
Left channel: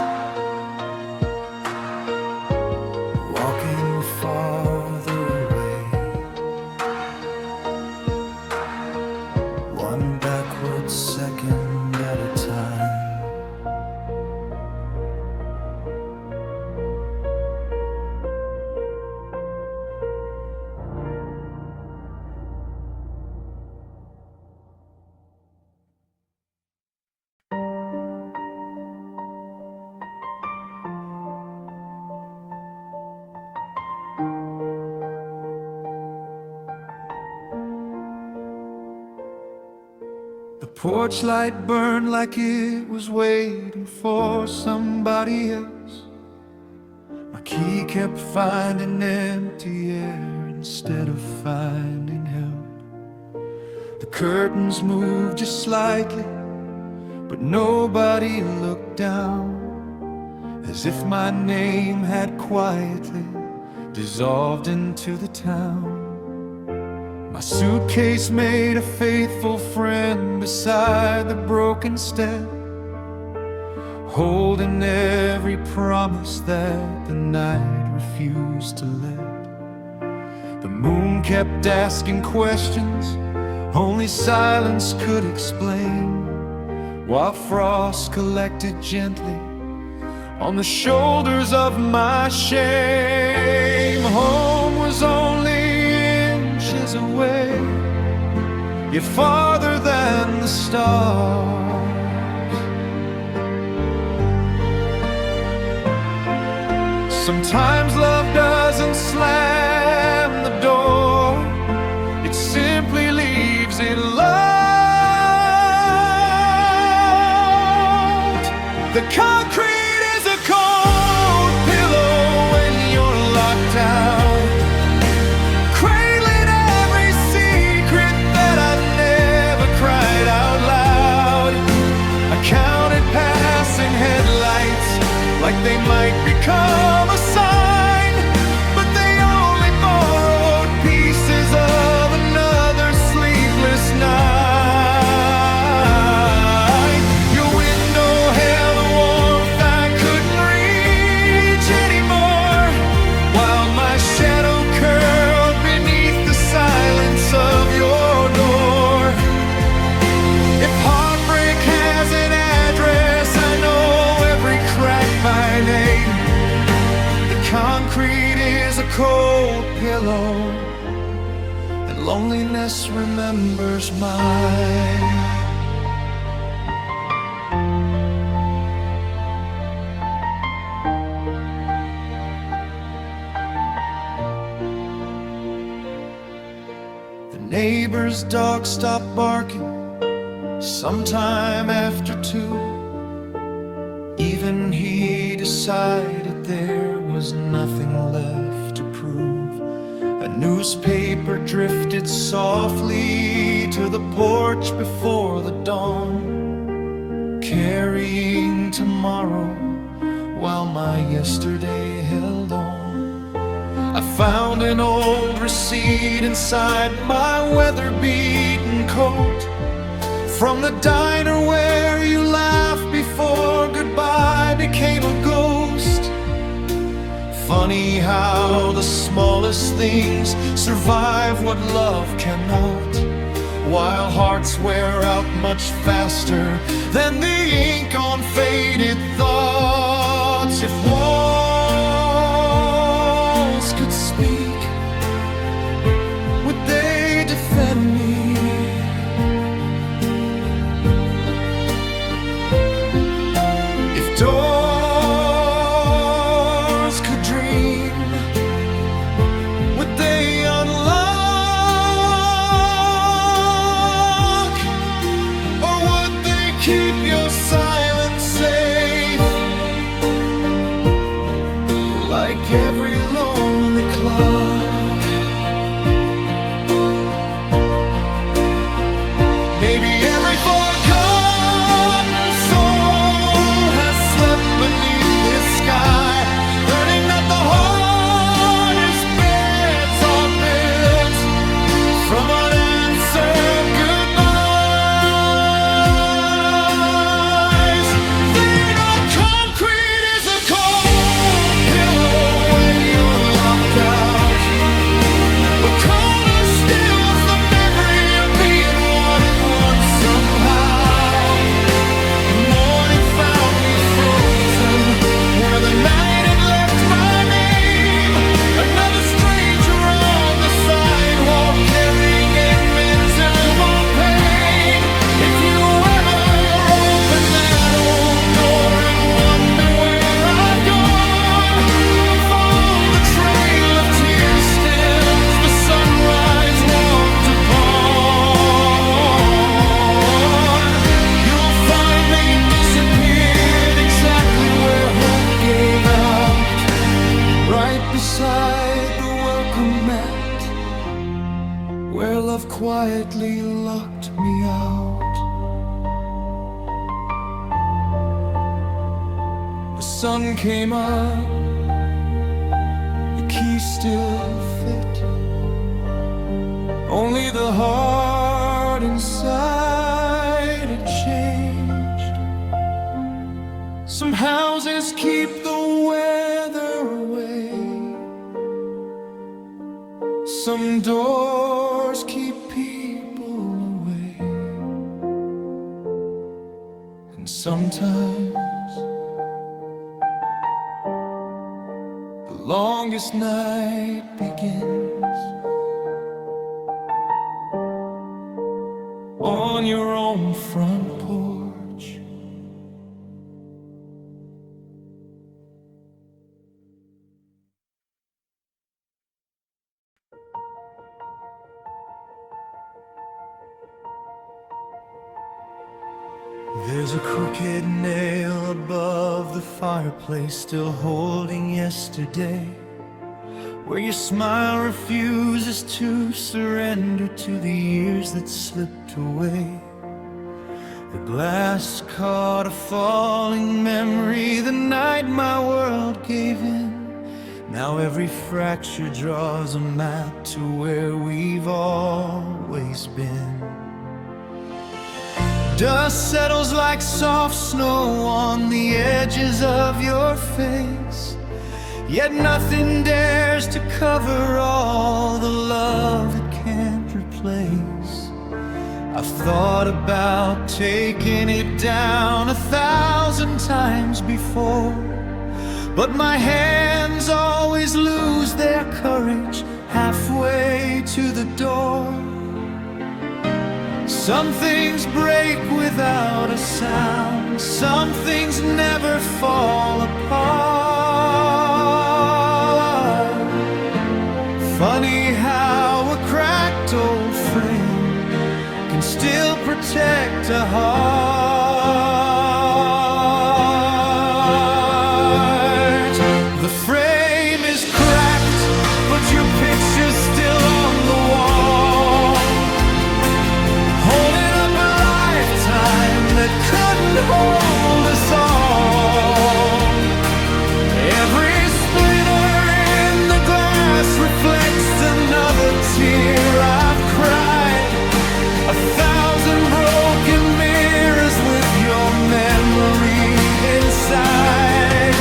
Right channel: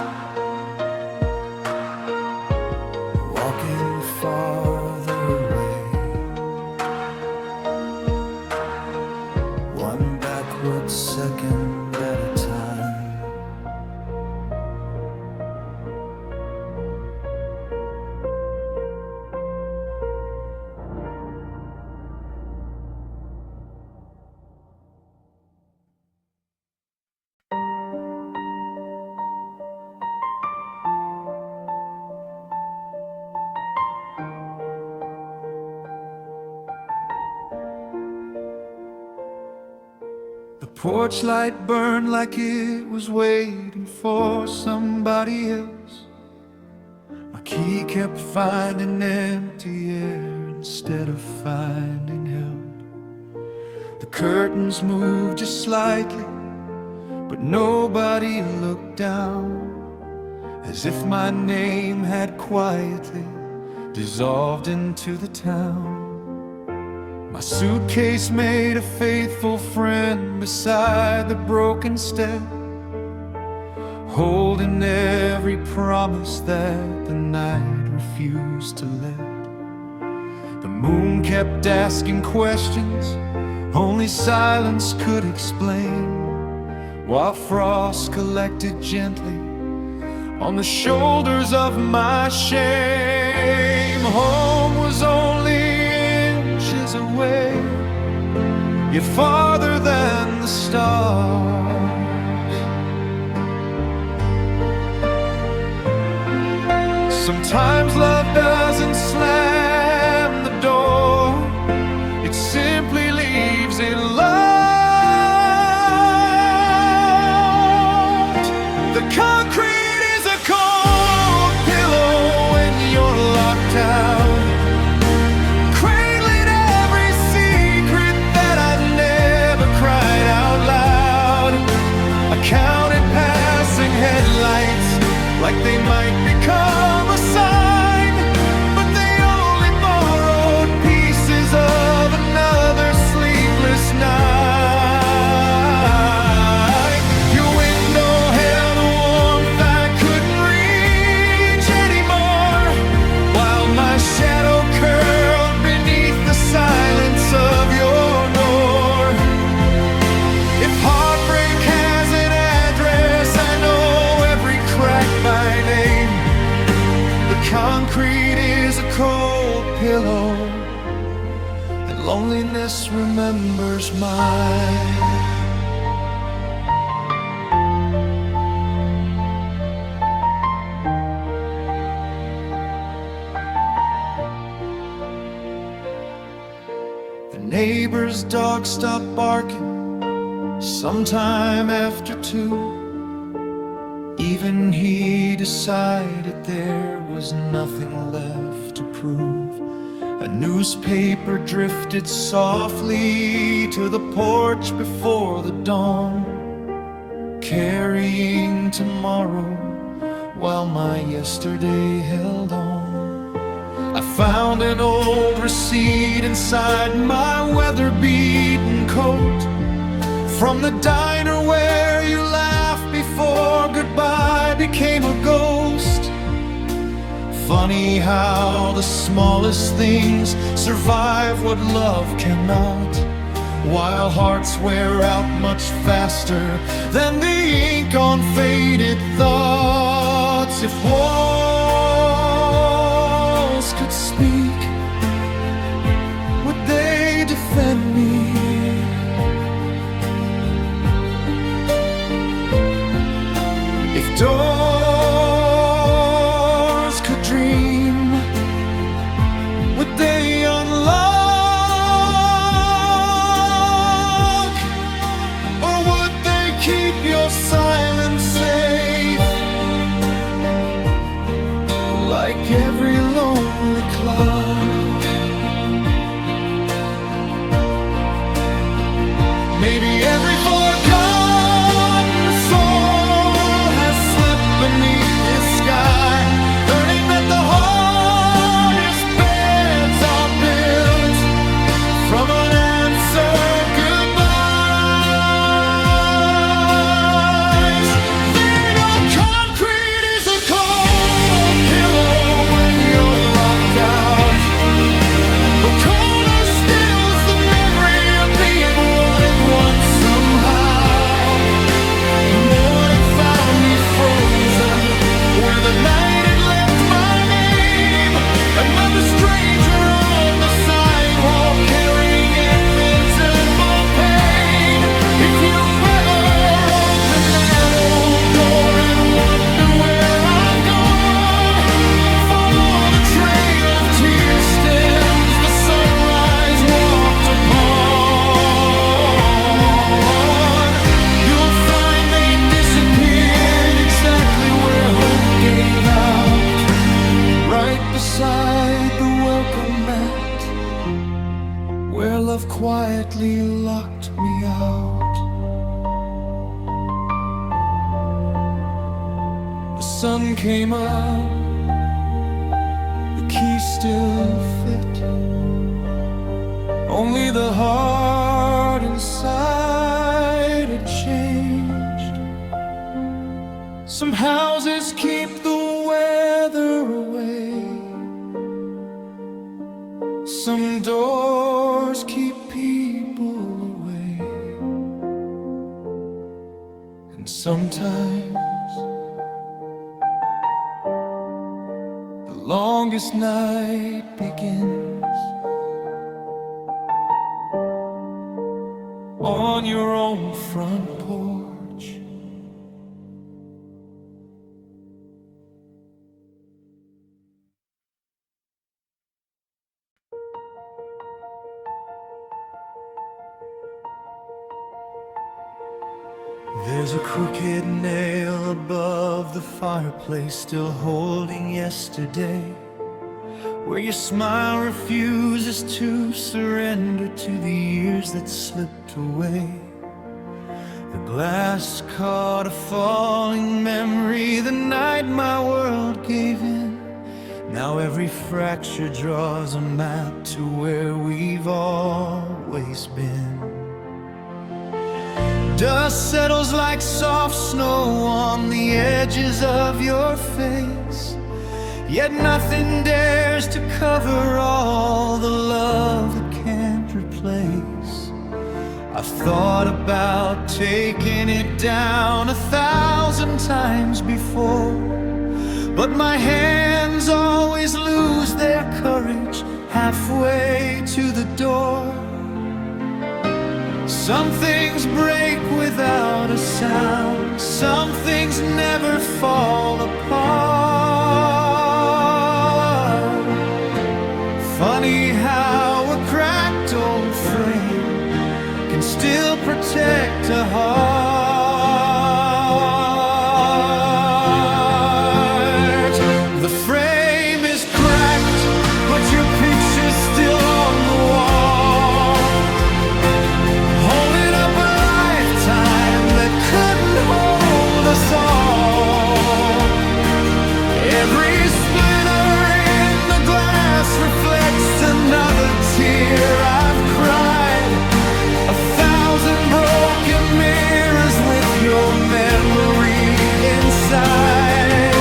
walking farther away, one backward second at a time. The porch light burned like it was waiting for somebody else. My key kept finding empty air instead of finding help. The curtains moved just slightly, but nobody looked down, as if my name had quietly dissolved into the town. My suitcase made a faithful friend beside the broken step, holding every promise that the night refused to let. The moon kept asking questions only silence could explain, while frost collected gently on the shoulders of my shame. Home was only inches away, yet farther than the stars. Sometimes love doesn't slam the door, it simply leaves it locked. The concrete is a cold pillow when you're locked out, cried out loud. I counted passing headlights like they might become a sign, but they only borrowed pieces of another sleepless night. Your window held a warmth I couldn't reach anymore, while my shadow curled beneath the silence of your door. If heartbreak has an address, I know every crack by name. The concrete is a cold pillow, and loneliness remembers mine. The neighbor's dog stopped barking sometime after 2. Even he decided there was nothing left to prove. A newspaper drifted softly to the porch before the dawn, carrying tomorrow while my yesterday held on. I found an old receipt inside my weather-beaten coat, from the diner where you laughed before goodbye became a ghost. Funny how the smallest things survive what love cannot, while hearts wear out much faster than the ink on faded thoughts. If walls could speak, would they defend me? If doors could dream, would they unlock? Or would they keep your silence safe? every lonely cloud. Maybe every forgotten soul has slept beneath this sky, learning that the hardest beds are built from unanswered goodbyes. They know concrete is a cold pillow when you're locked out, but colder still's the memory of being wanted once somehow. Morning found me frozen where the night had left my name. Another stranger on the sidewalk carrying invisible pain. If you ever open that old door and wonder where I've gone, follow the trail of tear stems the sunrise walked upon. You'll find they disappeared exactly where hope gave out, right beside the welcome mat where love quietly locked me out. The sun came up, the key still fit, only the heart inside had changed. Some houses keep the weather away, some doors keep people away, and sometimes the longest night begins on your own front porch. There's a crooked nail above the fireplace, still holding yesterday, where your smile refuses to surrender to the years that slipped away. The glass caught a falling memory the night my world gave in. Now every fracture draws a map to where we've always been. Dust settles like soft snow on the edges of your face, yet nothing dares to cover all the love it can't replace. I've thought about taking it down 1,000 times before, but my hands always lose their courage halfway to the door. Some things break without a sound, some things never fall apart. Funny how a cracked old frame can still protect a heart. The frame is cracked, but your picture's still on the wall, holding up a lifetime that couldn't hold us all. Every splinter in the glass reflects another tear I've cried. 1,000 broken mirrors with your memory inside.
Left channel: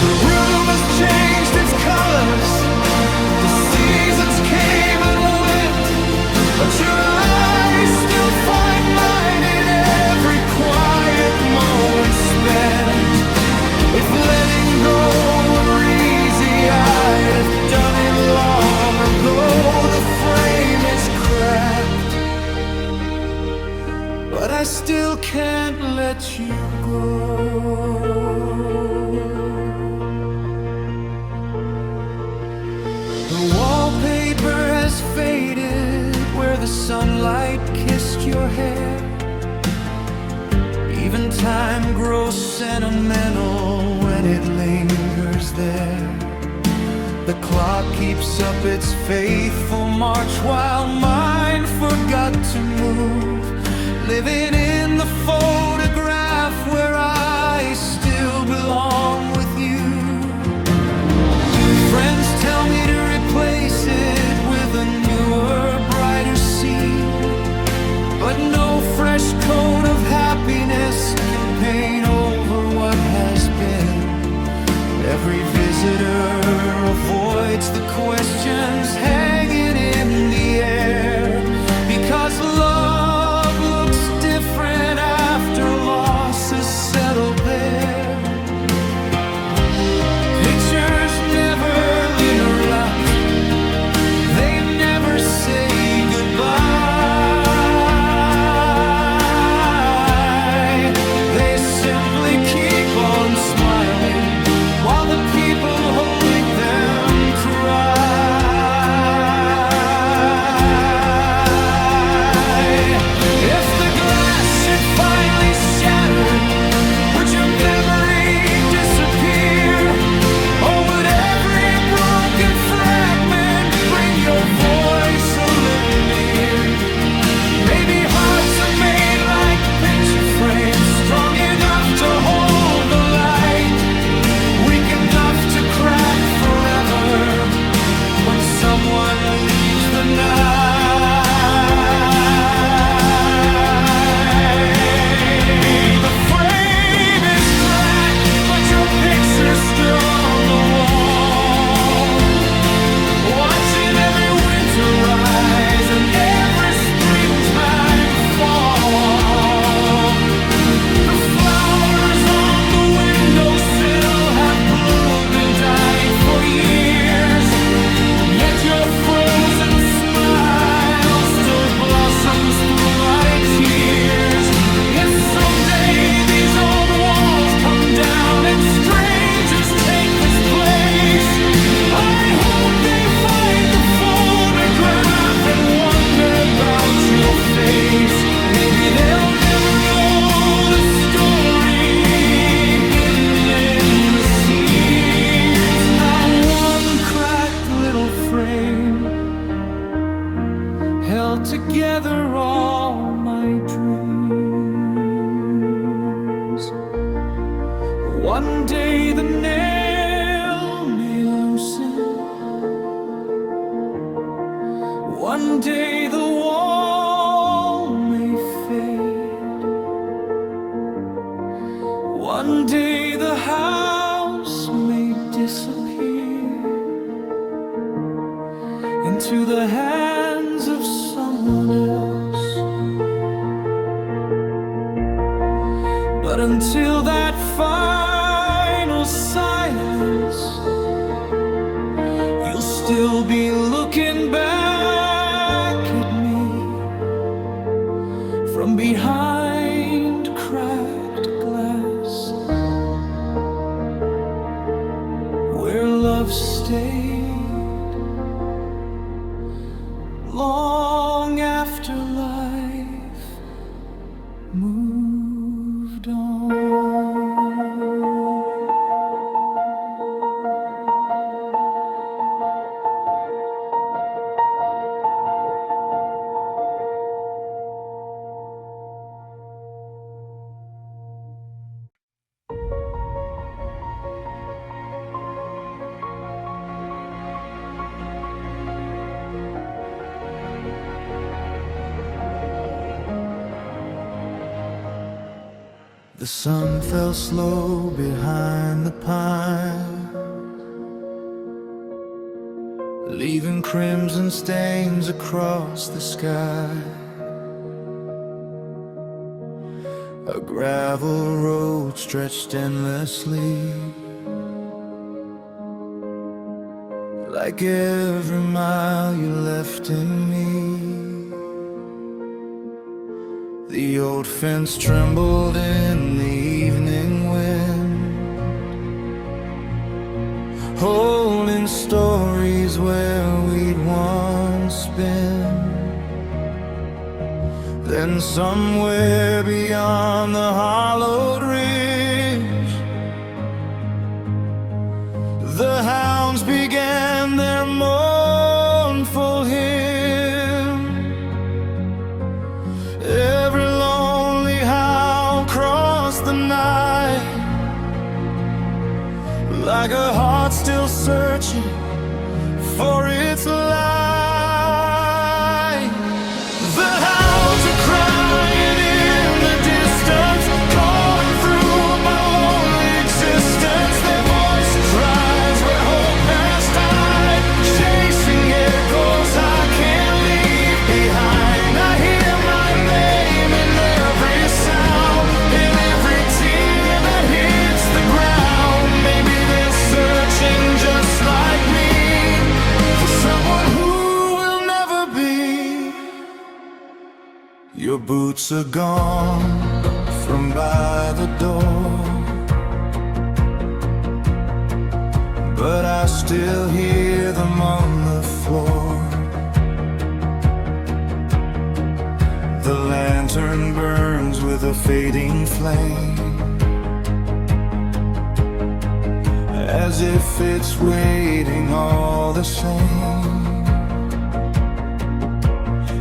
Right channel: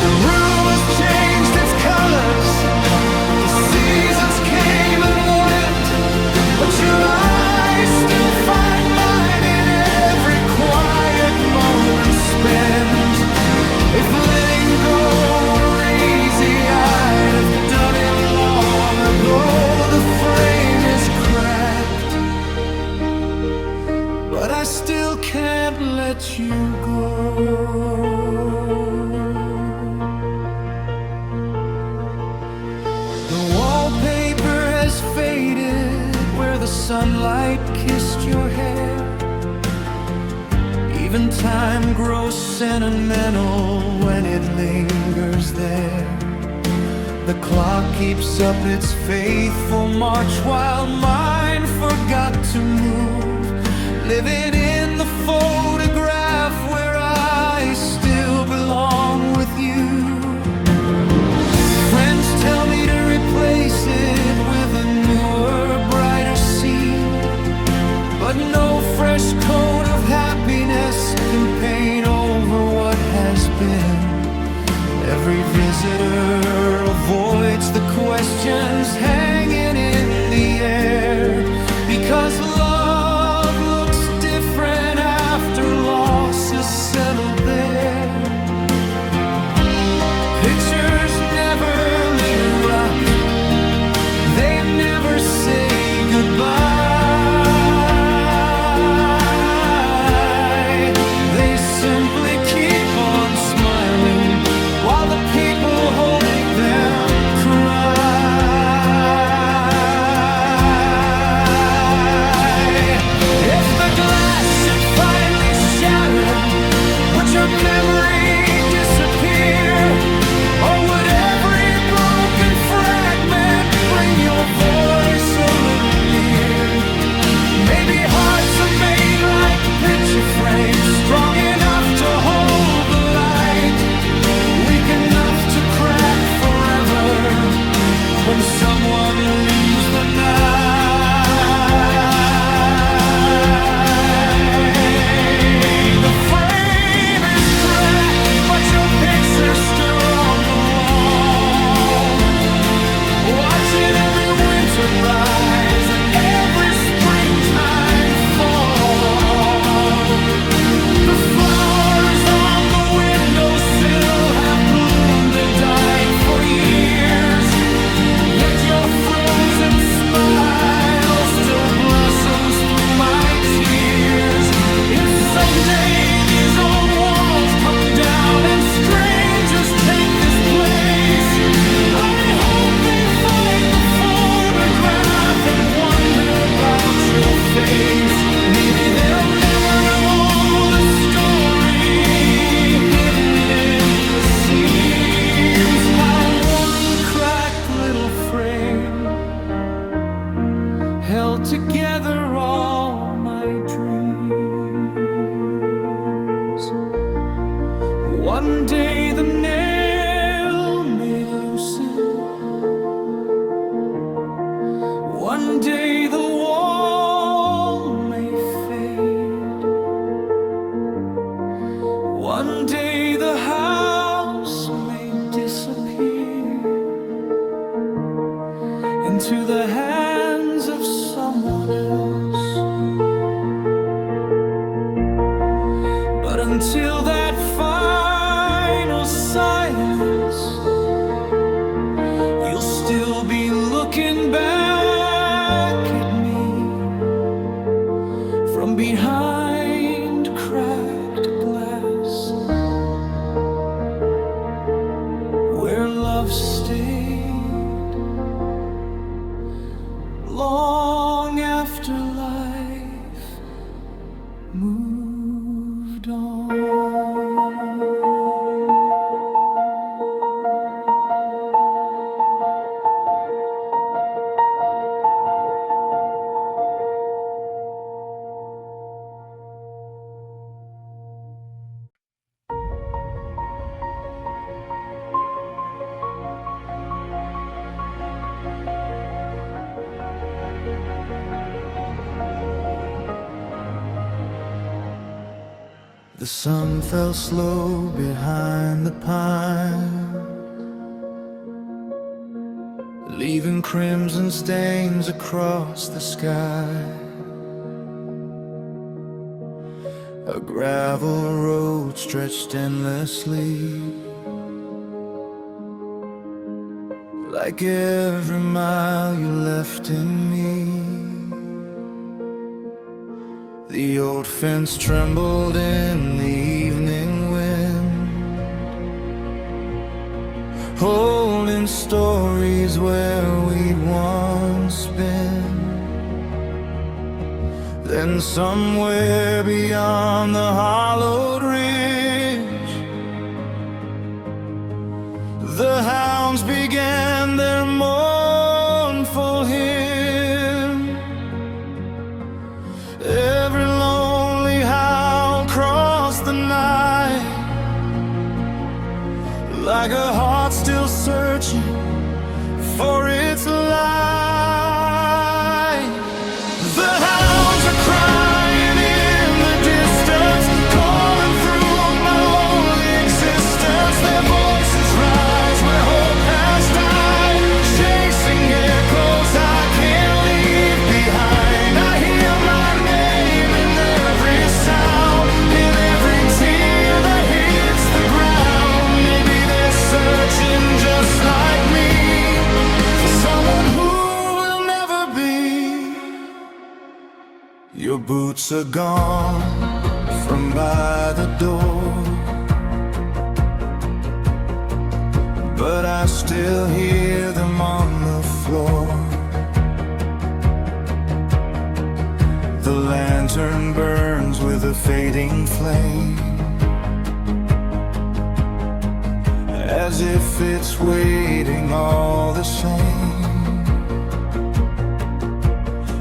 The room has changed its colors, the seasons came and went, but your eyes still find mine in every quiet moment spent. If letting go were easy, I'd have done it long ago. The frame is cracked, but I still can't let you go. The wallpaper has faded where the sunlight kissed your hair. Even time grows sentimental when it lingers there. The clock keeps up its faithful march while mine forgot to move, living in the photograph where I still belong with you. Friends tell me to replace it with a newer, brighter scene, but no fresh coat of happiness can paint over what has been. Every visitor avoids the questions hanging in the air, because love looks different after loss is settled there. Pictures never interrupt, they never say goodbye. They simply keep on smiling while the people holding them cry. If the glass should finally shatter, would your memory disappear? Or would every broken fragment bring your voice a little near? Maybe hearts are made like picture frames, strong enough to hold the light, weak enough to crack forever when someone leaves the night. The frame is cracked, but your picture's still on the wall, watching every winter rise and every springtime fall. The flowers on the windowsill have bloomed and died for years, yet your frozen smile still blossoms through my tears. If someday these old walls come down and strangers take this place, I hope they find the photograph and wonder about your face. Maybe they'll never know the story hidden in the seams, how one cracked little frame held together all my dreams. One day the nail may loosen, one day the wall may fade, one day the house may disappear into the hands of someone else. But until that final silence, you'll still be looking back at me from behind cracked glass, where love stayed long after life moved on. The sun fell slow behind the pine, leaving crimson stains across the sky. A gravel road stretched endlessly, like every mile you left in me. The old fence trembled in the evening wind, holding stories where we'd once been. Then somewhere beyond the hollowed ridge, the hounds began in their mournful hymn. Every lonely howl across the night, like a heart still searching for its light. The hounds are crying in the distance, calling through my lonely existence. Their voices rise where hope has died, chasing echoes I can't leave behind. I hear my name in every sound, in every tear that hits the ground. Maybe they're searching just like me, for someone who will never be. Your boots are gone from by the door, but I still hear them on the floor. The lantern burns with a fading flame, as if it's waiting all the same.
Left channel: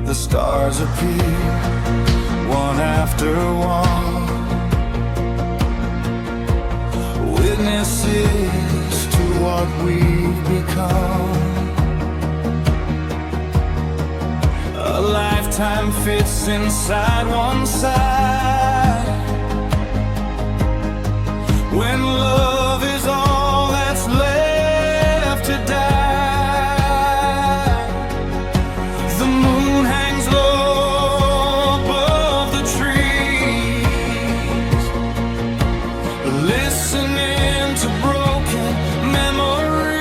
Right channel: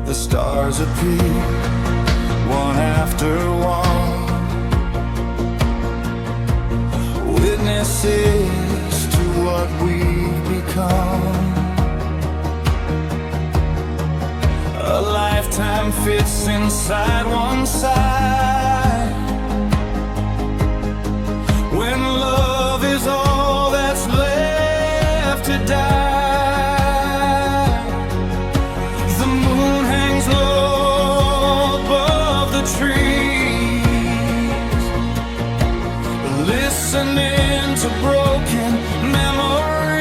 The stars appear one after one, witnesses to what we've become. A lifetime fits inside one side, when love is all that's left to die. The moon hangs low above the trees, listening to broken memories.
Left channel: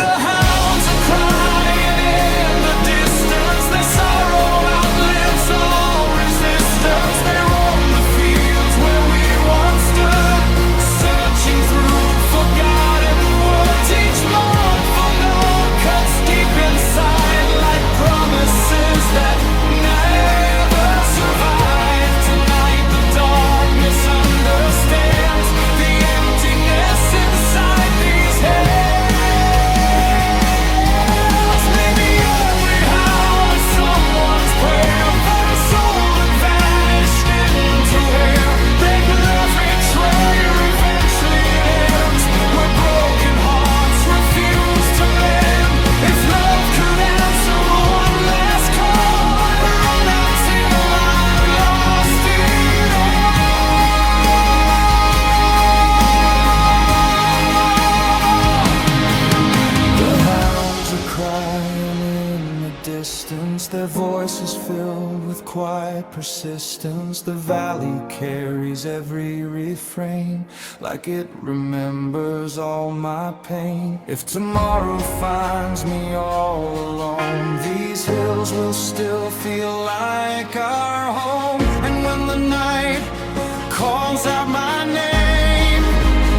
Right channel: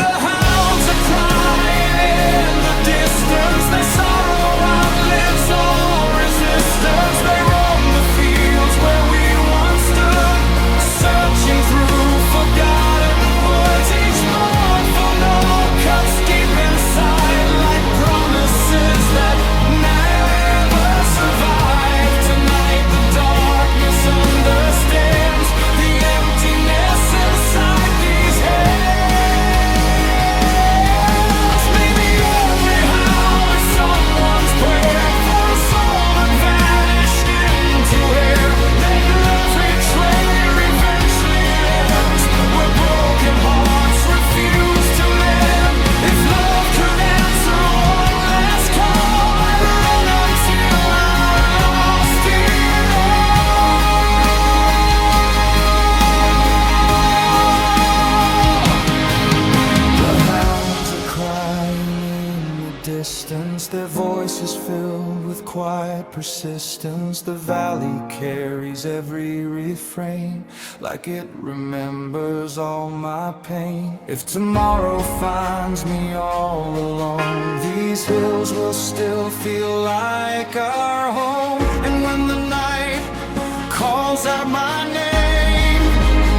The hounds are crying in the distance, their sorrow outlives all resistance. They roam the fields where we once stood, searching through forgotten woods. Each mournful note cuts deep inside, like promises that never survive. Tonight the darkness understands the emptiness inside these hands. Maybe every howl is someone's prayer for a soul that vanished into air. They every trail eventually ends, where broken hearts refuse to mend. If love could answer one last call, I'd run until I lost it all. The hounds are crying in the distance, their voices filled with quiet persistence. The valley carries every refrain, like it remembers all my pain. If tomorrow finds me all alone, these hills will still feel like our home. And when the night calls out my name,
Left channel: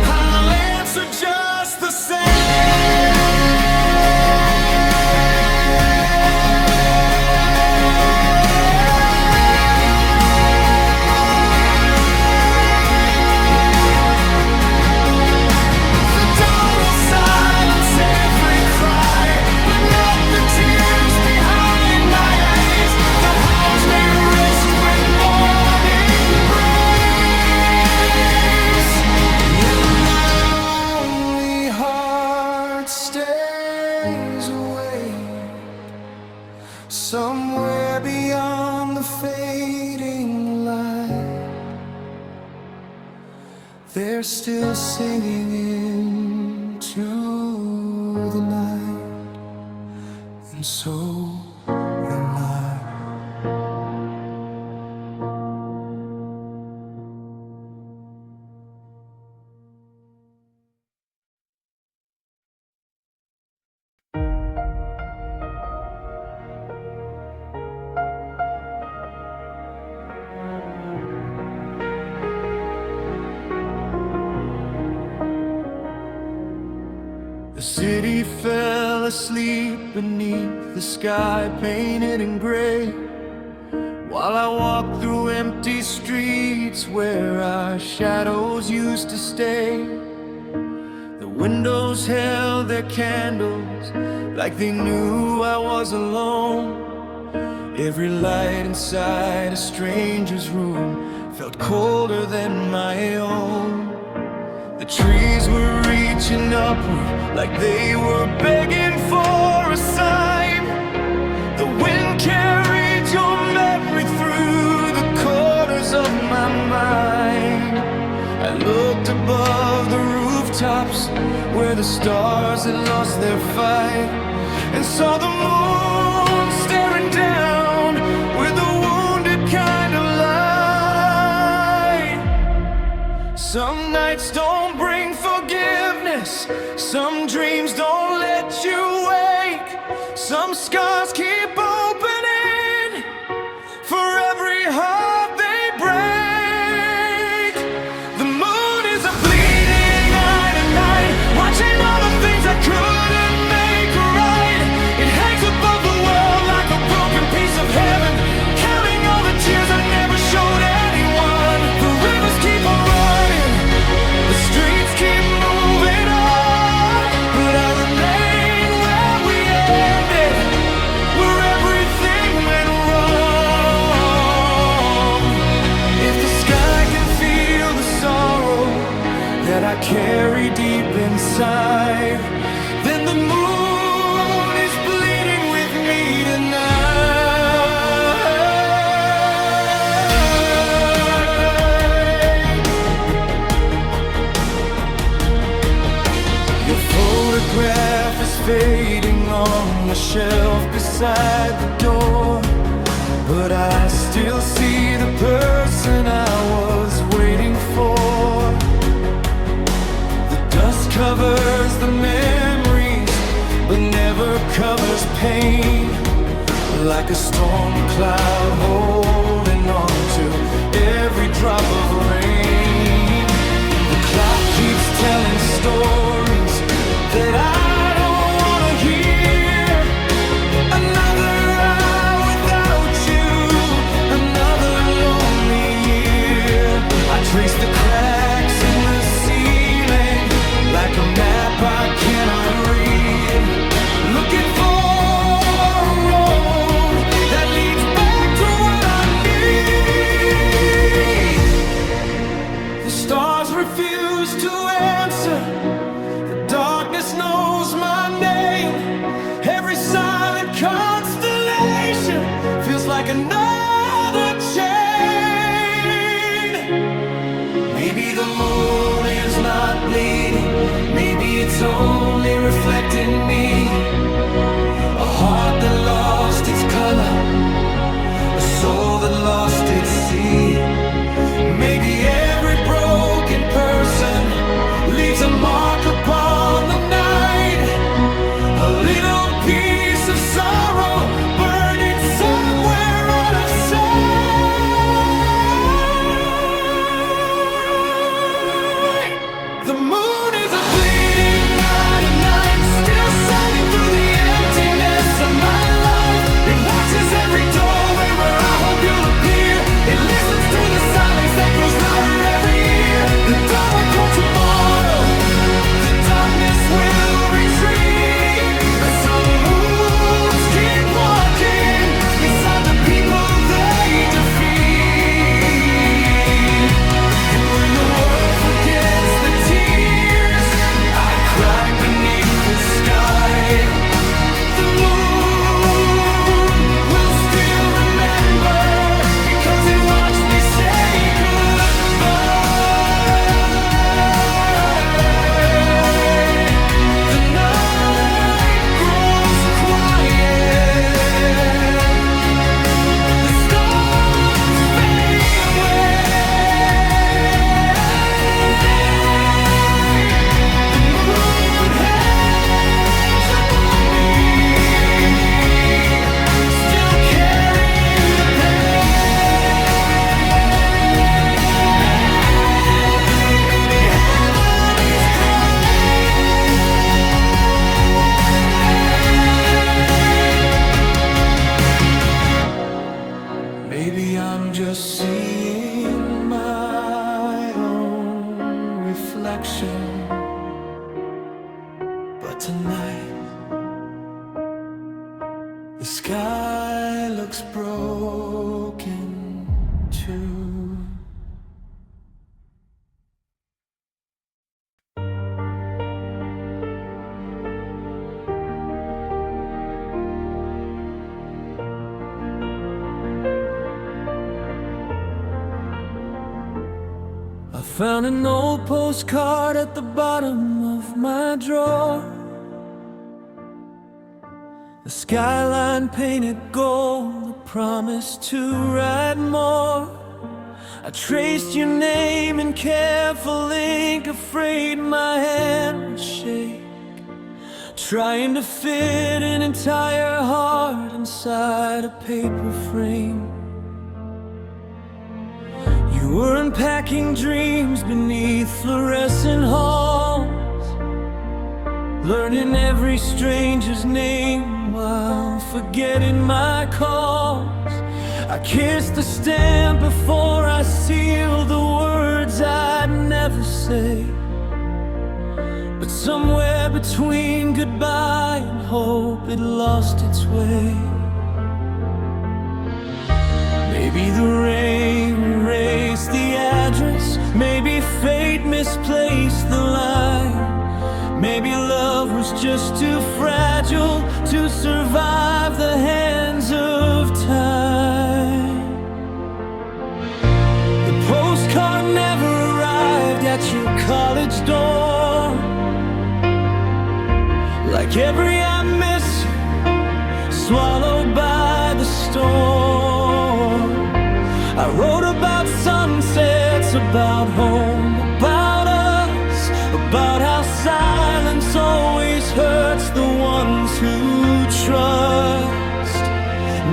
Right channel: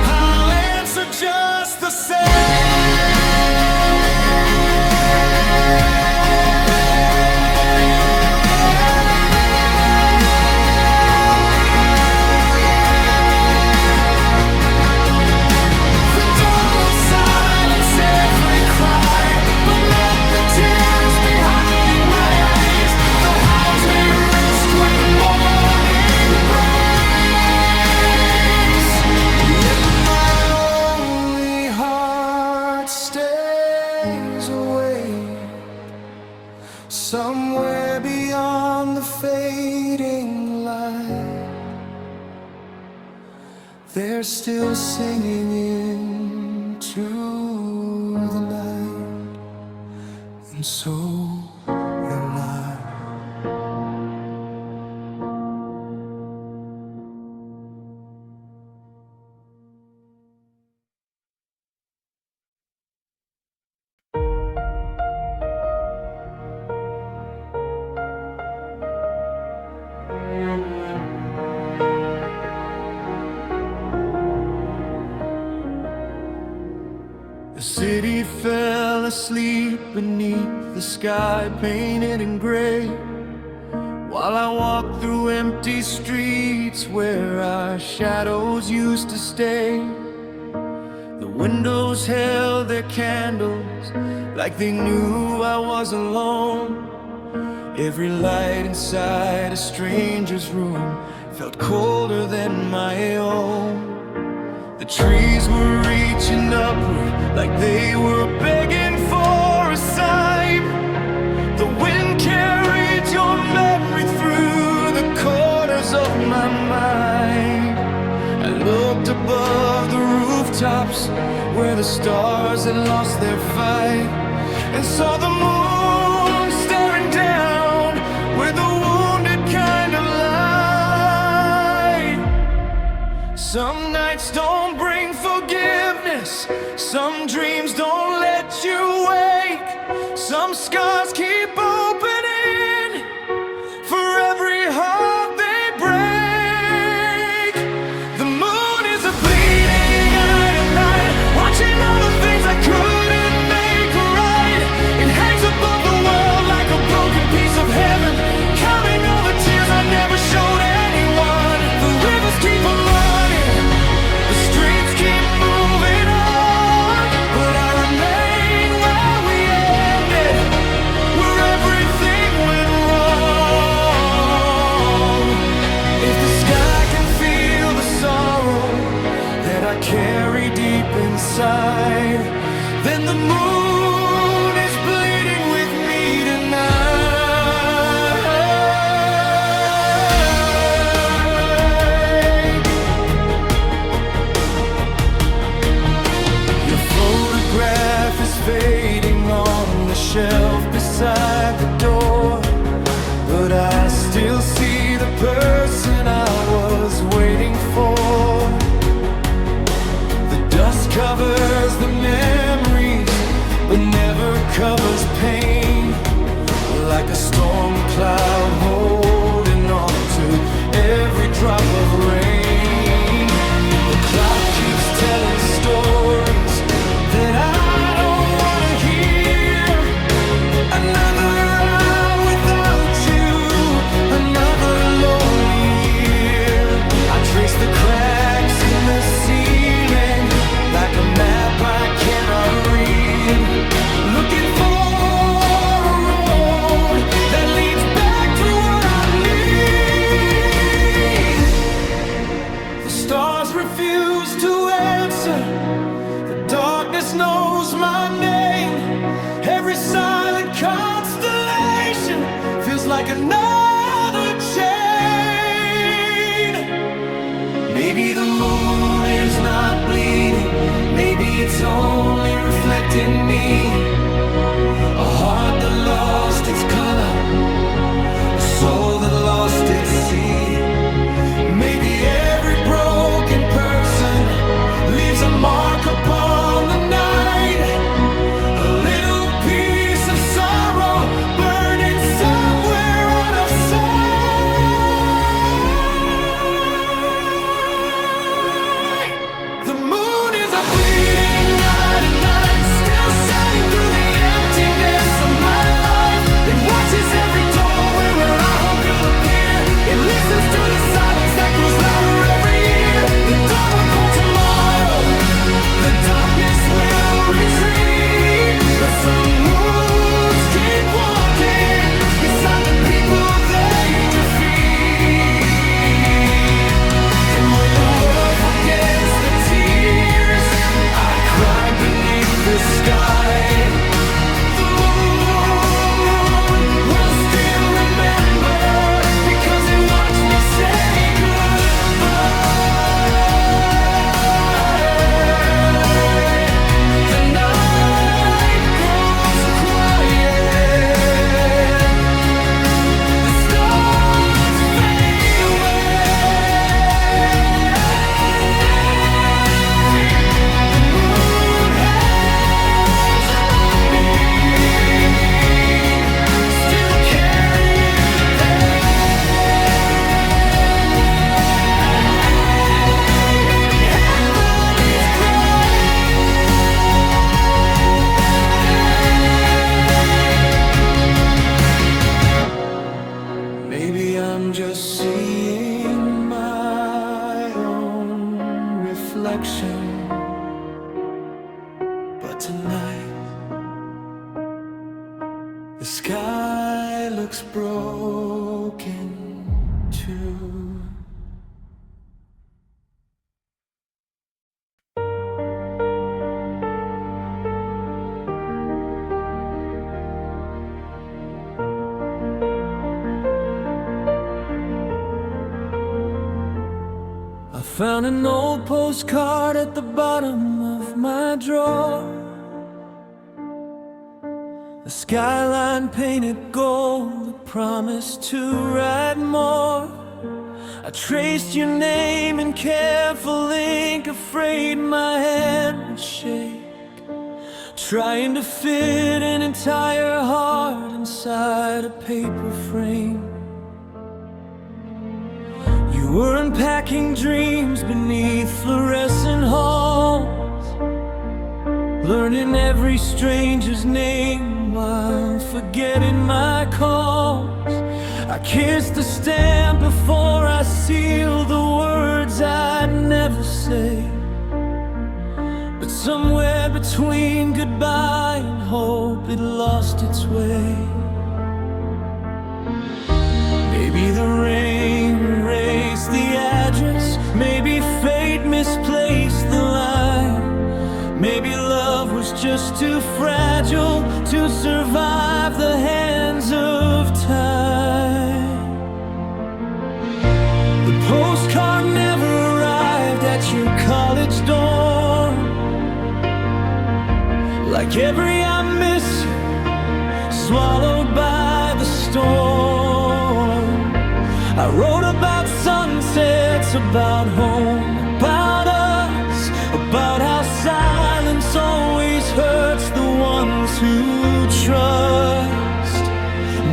I'll answer just the same. Tears behind my eyes, the hounds may rest when morning breaks. Yet my lonely heart stays awake, somewhere beyond the fading light. They're still singing into the night, and so am I. The city fell asleep beneath the sky painted in gray, while I walked through empty streets where our shadows used to stay. The windows held their candles like they knew I was alone. Every light inside a stranger's room felt colder than my own. The trees were reaching upward like they were begging for a sign. The wind carried your memory through the corners of my mind. I looked above the rooftops where the stars had lost their fight, and saw the moon staring down with a wounded kind of light. Some nights don't bring forgiveness, some dreams don't let you wake, some scars keep opening for every heart they break. The moon is a bleeding eye tonight, watching all the things I couldn't make right. It hangs above the world like a broken piece of heaven, counting all the tears I never showed anyone. The rivers keep on running, the streets keep moving on, but I remain where we ended, where everything went wrong. If the sky can feel the sorrow that I carry deep inside, then the moon is bleeding with me tonight. Your photograph is fading on the shelf beside the door, but I still see the person I was waiting for. The dust covers the memories, but never covers pain. Like a storm cloud holding on to every drop of rain. The clock keeps telling stories that I don't want to hear. Another hour without you, another lonely year. I trace the cracks in the ceiling like a map I cannot read, looking for a road that leads back to what I need. The stars refuse to answer, the darkness knows my name. Every silent constellation feels like another chain. Maybe the moon is not bleeding, maybe it's only reflecting me. A heart that lost its color, a soul that lost its sea. Maybe every broken person leaves a mark upon the night, a little piece of sorrow burning somewhere out of sight. The moon is a bleeding eye tonight, still shining through the emptiness of my life. It watches every doorway where I hope you'll appear. It listens to the silence that grows louder every year. The dawn will cry tomorrow, the darkness will retreat, but some wounds keep walking beside the people they defeat. And when the world forgets the tears I cried beneath the sky, the moon will still remember, because it watched me say goodbye. The night grows quiet, the stars fade away. The moon hangs above me, still carrying the pain. Maybe heaven is crying. Maybe I'm just seeing my own reflection But tonight the sky looks broken too. I found an old postcard at the bottom of my drawer. The skyline painted gold, a promise to write more. I traced your name in careful ink, afraid my hand would shake, trying to fit an entire heart inside a paper frame. You were unpacking dreams beneath fluorescent halls, learning every stranger's name while forgetting my calls. I kissed the stamp before I sealed the words I'd never say. But somewhere between goodbye and hope, it lost its way. Maybe the rain erased the address, maybe fate misplaced the line. Maybe love was just too fragile to survive the hands of time. The postcard never arrived at your college dorm. Like every I miss you, swallowed by the storm. I wrote about sunsets, about home, about us, about how silence always hurts the ones who trust.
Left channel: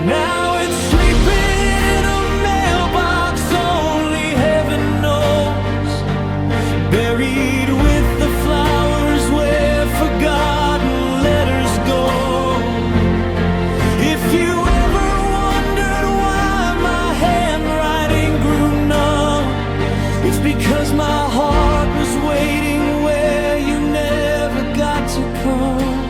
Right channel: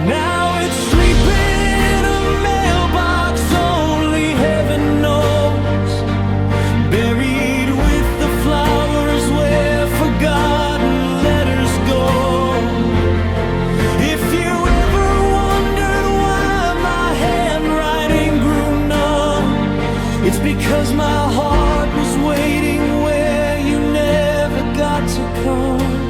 Now it's sleeping in a mailbox only heaven knows, buried with the flowers where forgotten letters go. If you ever wondered why my handwriting grew numb, it's because my heart was waiting where you never got to come.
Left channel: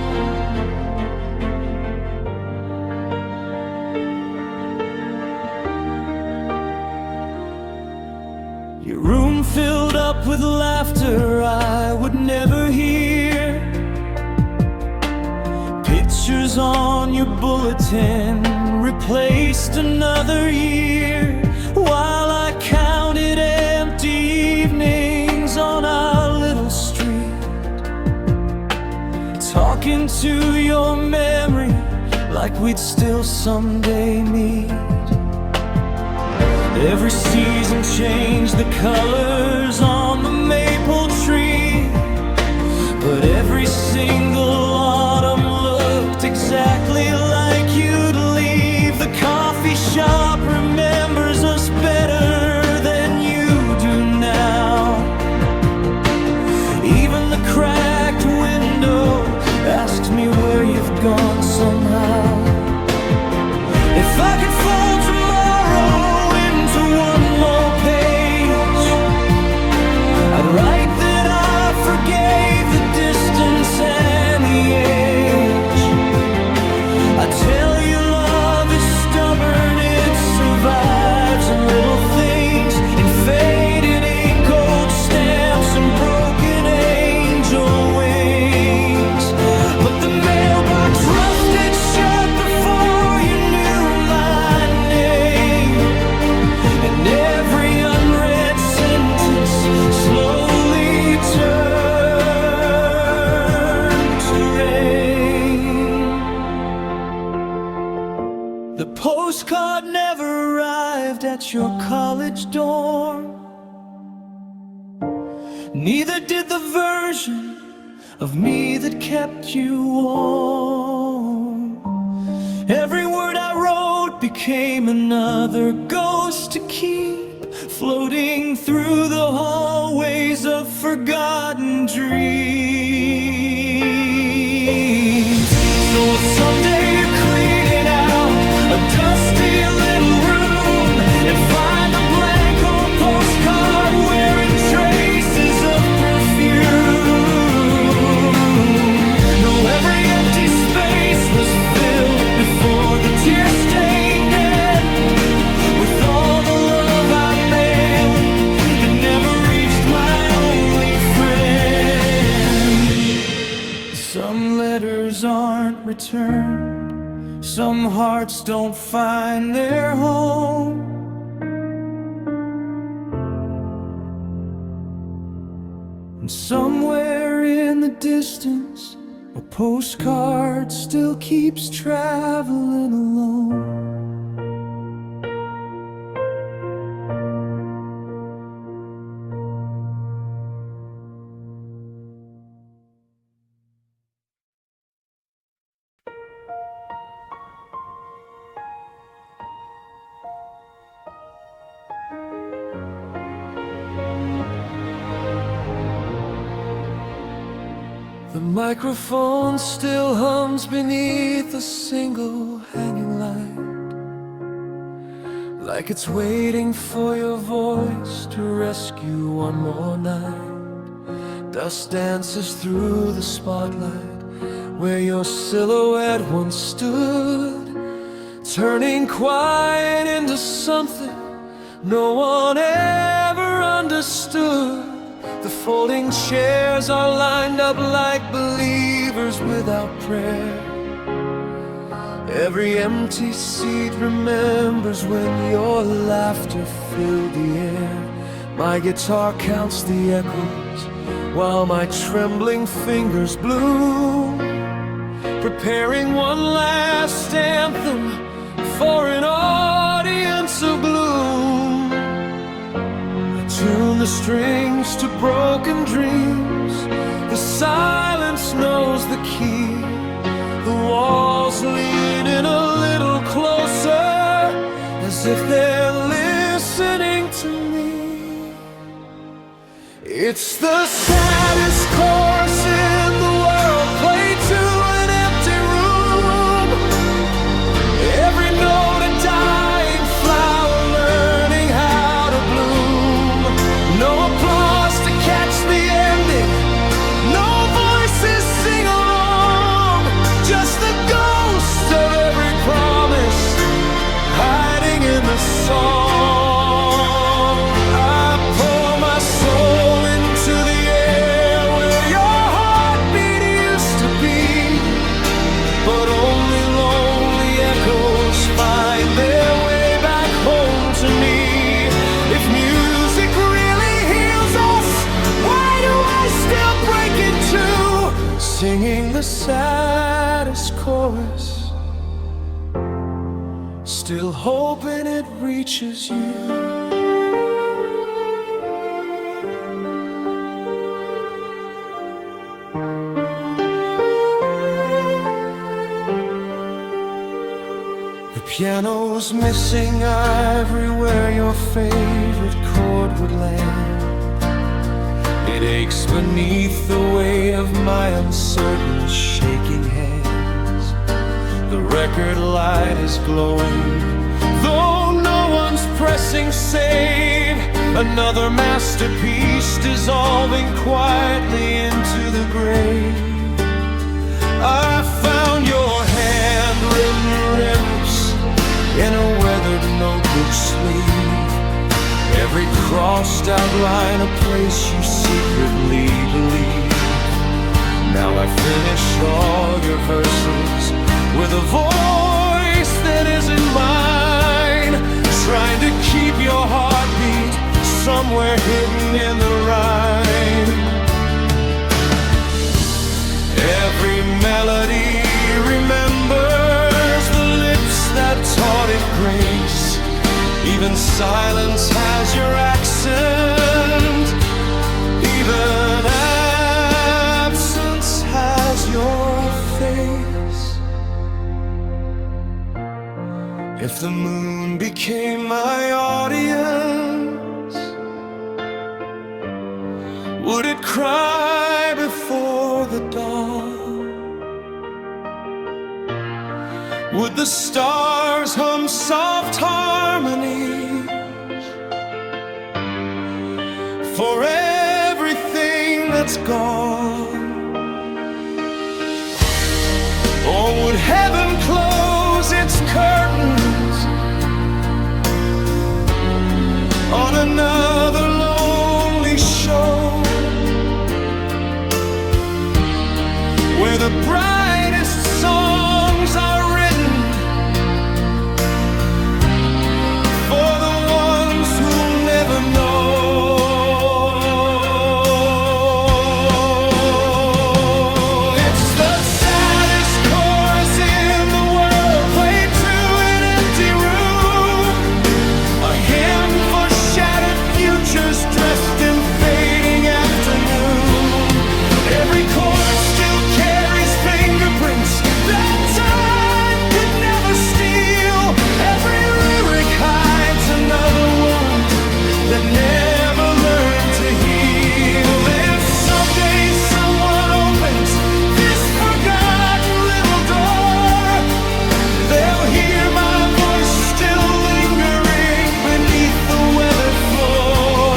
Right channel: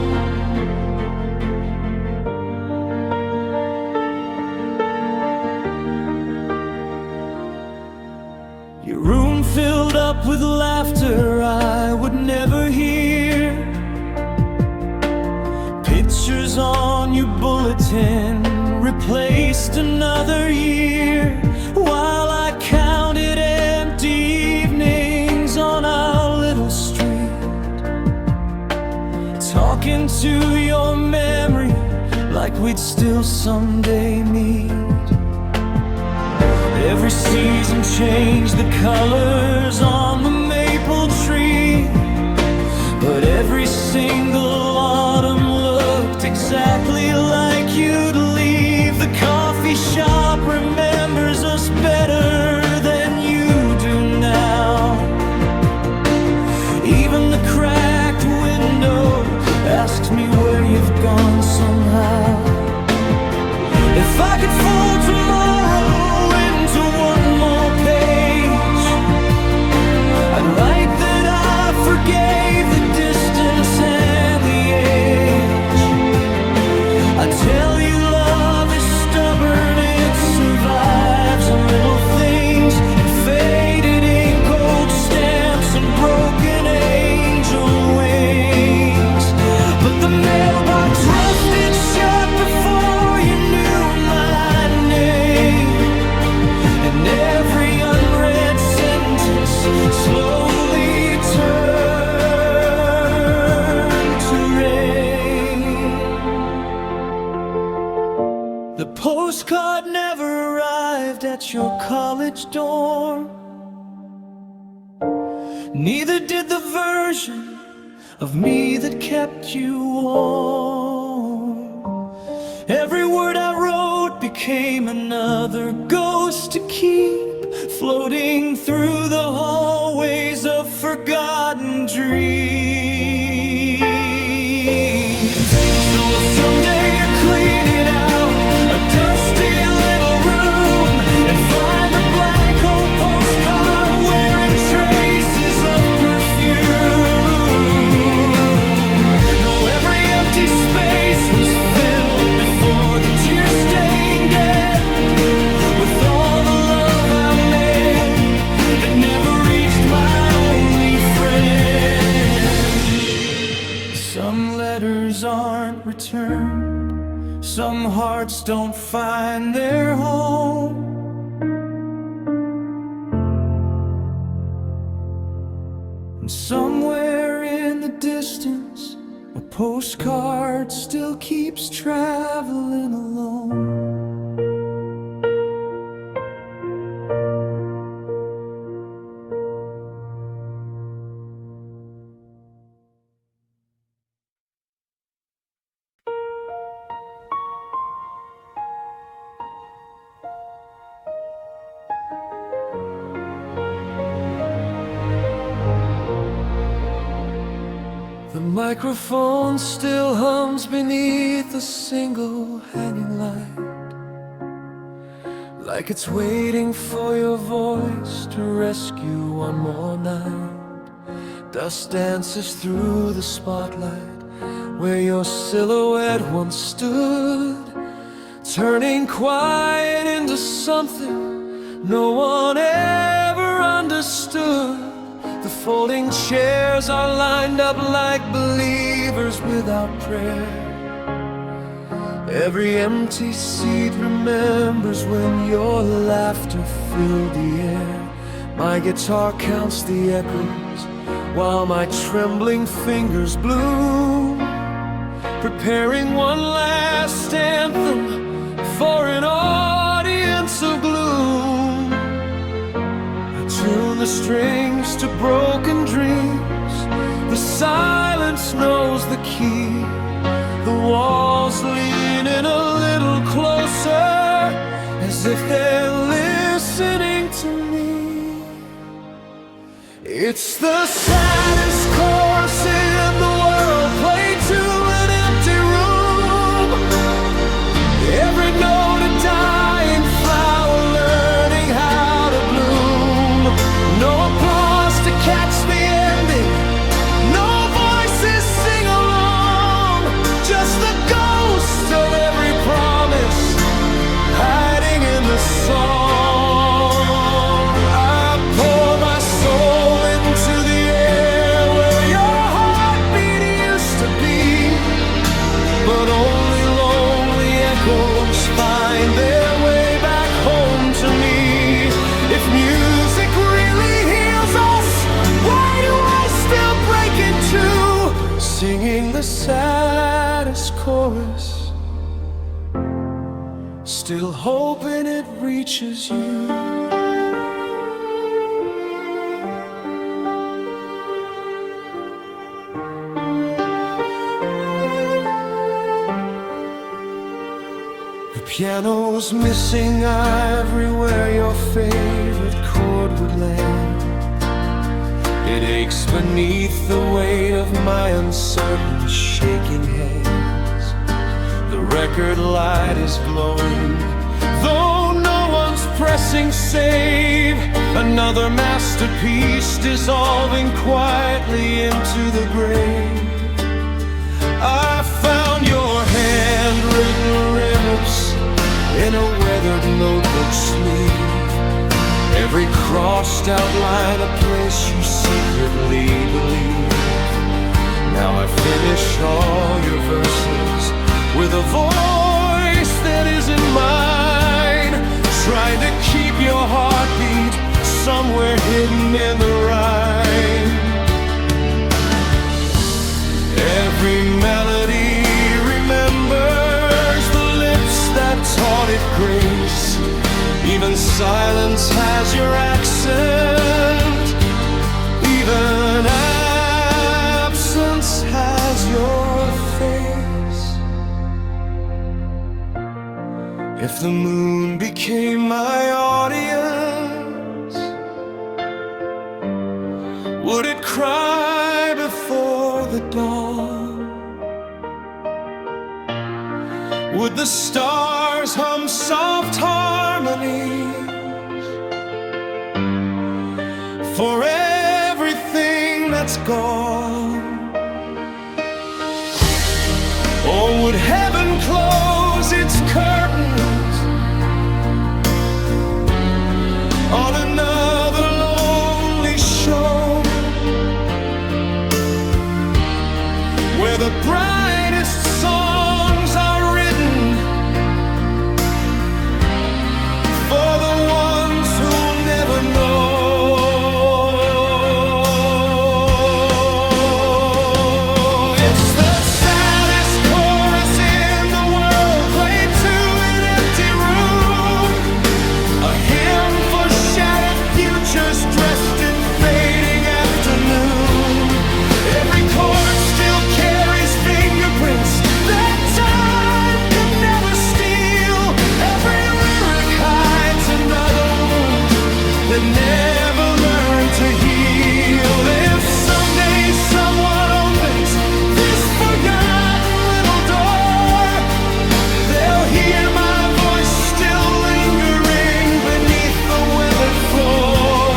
Your room filled up with laughter I would never hear. Pictures on your bulletin replaced another year, while I counted empty evenings on our little street, talking to your memory like we'd still someday meet. Every season changed the colors on the maple tree, but every single autumn looked exactly like you'd leave. The coffee shop remembers us better than you do now. Even the cracked window asks me where you've gone somehow. If I could fold tomorrow into one more page, I'd write that I forgave the distance and the age. I tell you love is stubborn, it survives in little things, in faded ink, old stamps and broken angel wings. But the mailbox rusted shut before you knew my name, and every unread sentence slowly turned to rain. The postcard never arrived at your college dorm, neither did the version of me that kept you warm. Every word I wrote became another ghost to keep floating through the hallways of forgotten dreams. So if someday you're cleaning out a dusty little room and find a blank old postcard wearing traces of perfume, no Some letters aren't returned, some hearts don't find their home. And somewhere in the distance, a postcard still keeps traveling alone. The microphone still hums beneath a single hanging light, like it's waiting for your voice to rescue one more night. Dust dances through the spotlight where your silhouette once stood, turning quiet into something no one ever understood. The folding chairs are lined up like believers without prayer. Every empty seat remembers when your laughter filled the air. My guitar counts the echoes while my trembling fingers bloom, preparing one last anthem for an audience of gloom. Tune the strings to broken dreams. The silence knows the key. The walls lean in a little closer, as if they're listening to me. It's the saddest chorus in the world, played to an empty room. Every note a dying flower learning how to bloom. No applause to catch the ending, no voices sing along, just the ghost of every promise hiding in the song. I pour my soul into the air where your heartbeat used to be, but only lonely echoes find their way back home to me. If music really heals us, why do I still break in two, singing the saddest chorus, still hoping it reaches you? The piano's missing ivory where your favorite chord would land. It aches beneath the weight of my uncertain, shaking hands. The record light is glowing, though no one's pressing save. Another masterpiece dissolving quietly into the grave. I found your handwritten remix in a weathered notebook sleeve. Every crossed out line a place you secretly believe. Now I finish all your verses with a voice that isn't mine, trying to keep your heartbeat somewhere hidden in the rhyme. Every melody remembers the lips that taught it grace. Even silence has your accent. Even absence has your face. If the moon became my audience, would it cry before the dawn? Would the stars hum soft harmonies for everything that's gone? Or would heaven close its curtains on another lonely show, where the brightest songs are written for the ones who'll never know. It's the saddest chorus in the world, played to an empty room, a hymn for shattered futures dressed in fading afternoon. Every chord still carries fingerprints that time could never steal. Every lyric hides another wound that never learned to heal. If someday someone opens this forgotten little door, they'll hear my voice still lingering beneath the weathered floor.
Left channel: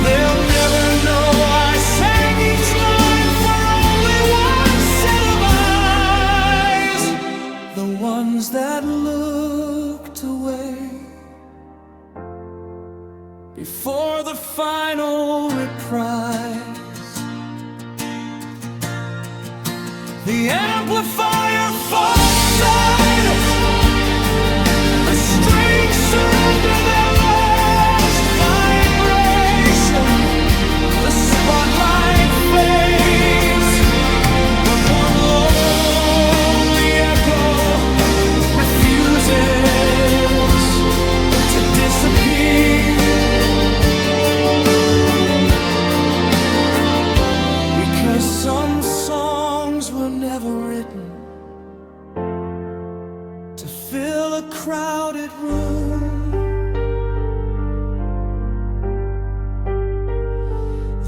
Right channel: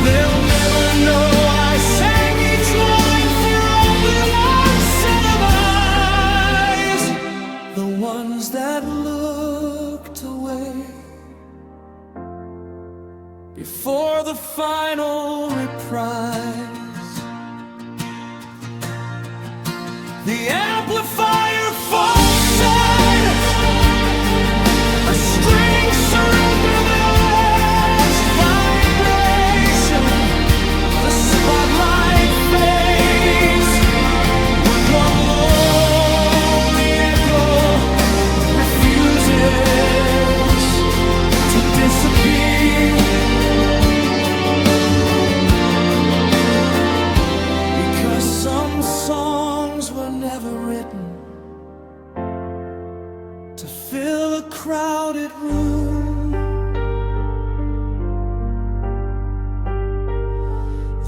They'll never know I sang each line for only one set of eyes, the ones that looked away before the final reprise. The amplifier falls silent, the strings surrender their last vibration, the spotlight fades, but one lonely echo refuses to disappear. Because some songs were never written to fill a crowded room.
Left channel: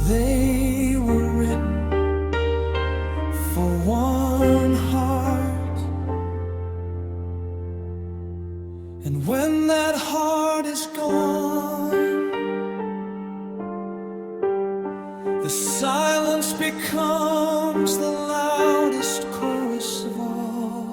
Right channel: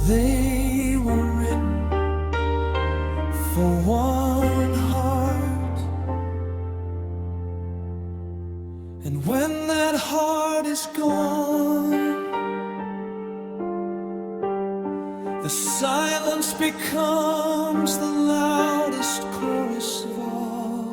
They were written for one heart, and when that heart is gone, the silence becomes the loudest chorus of all.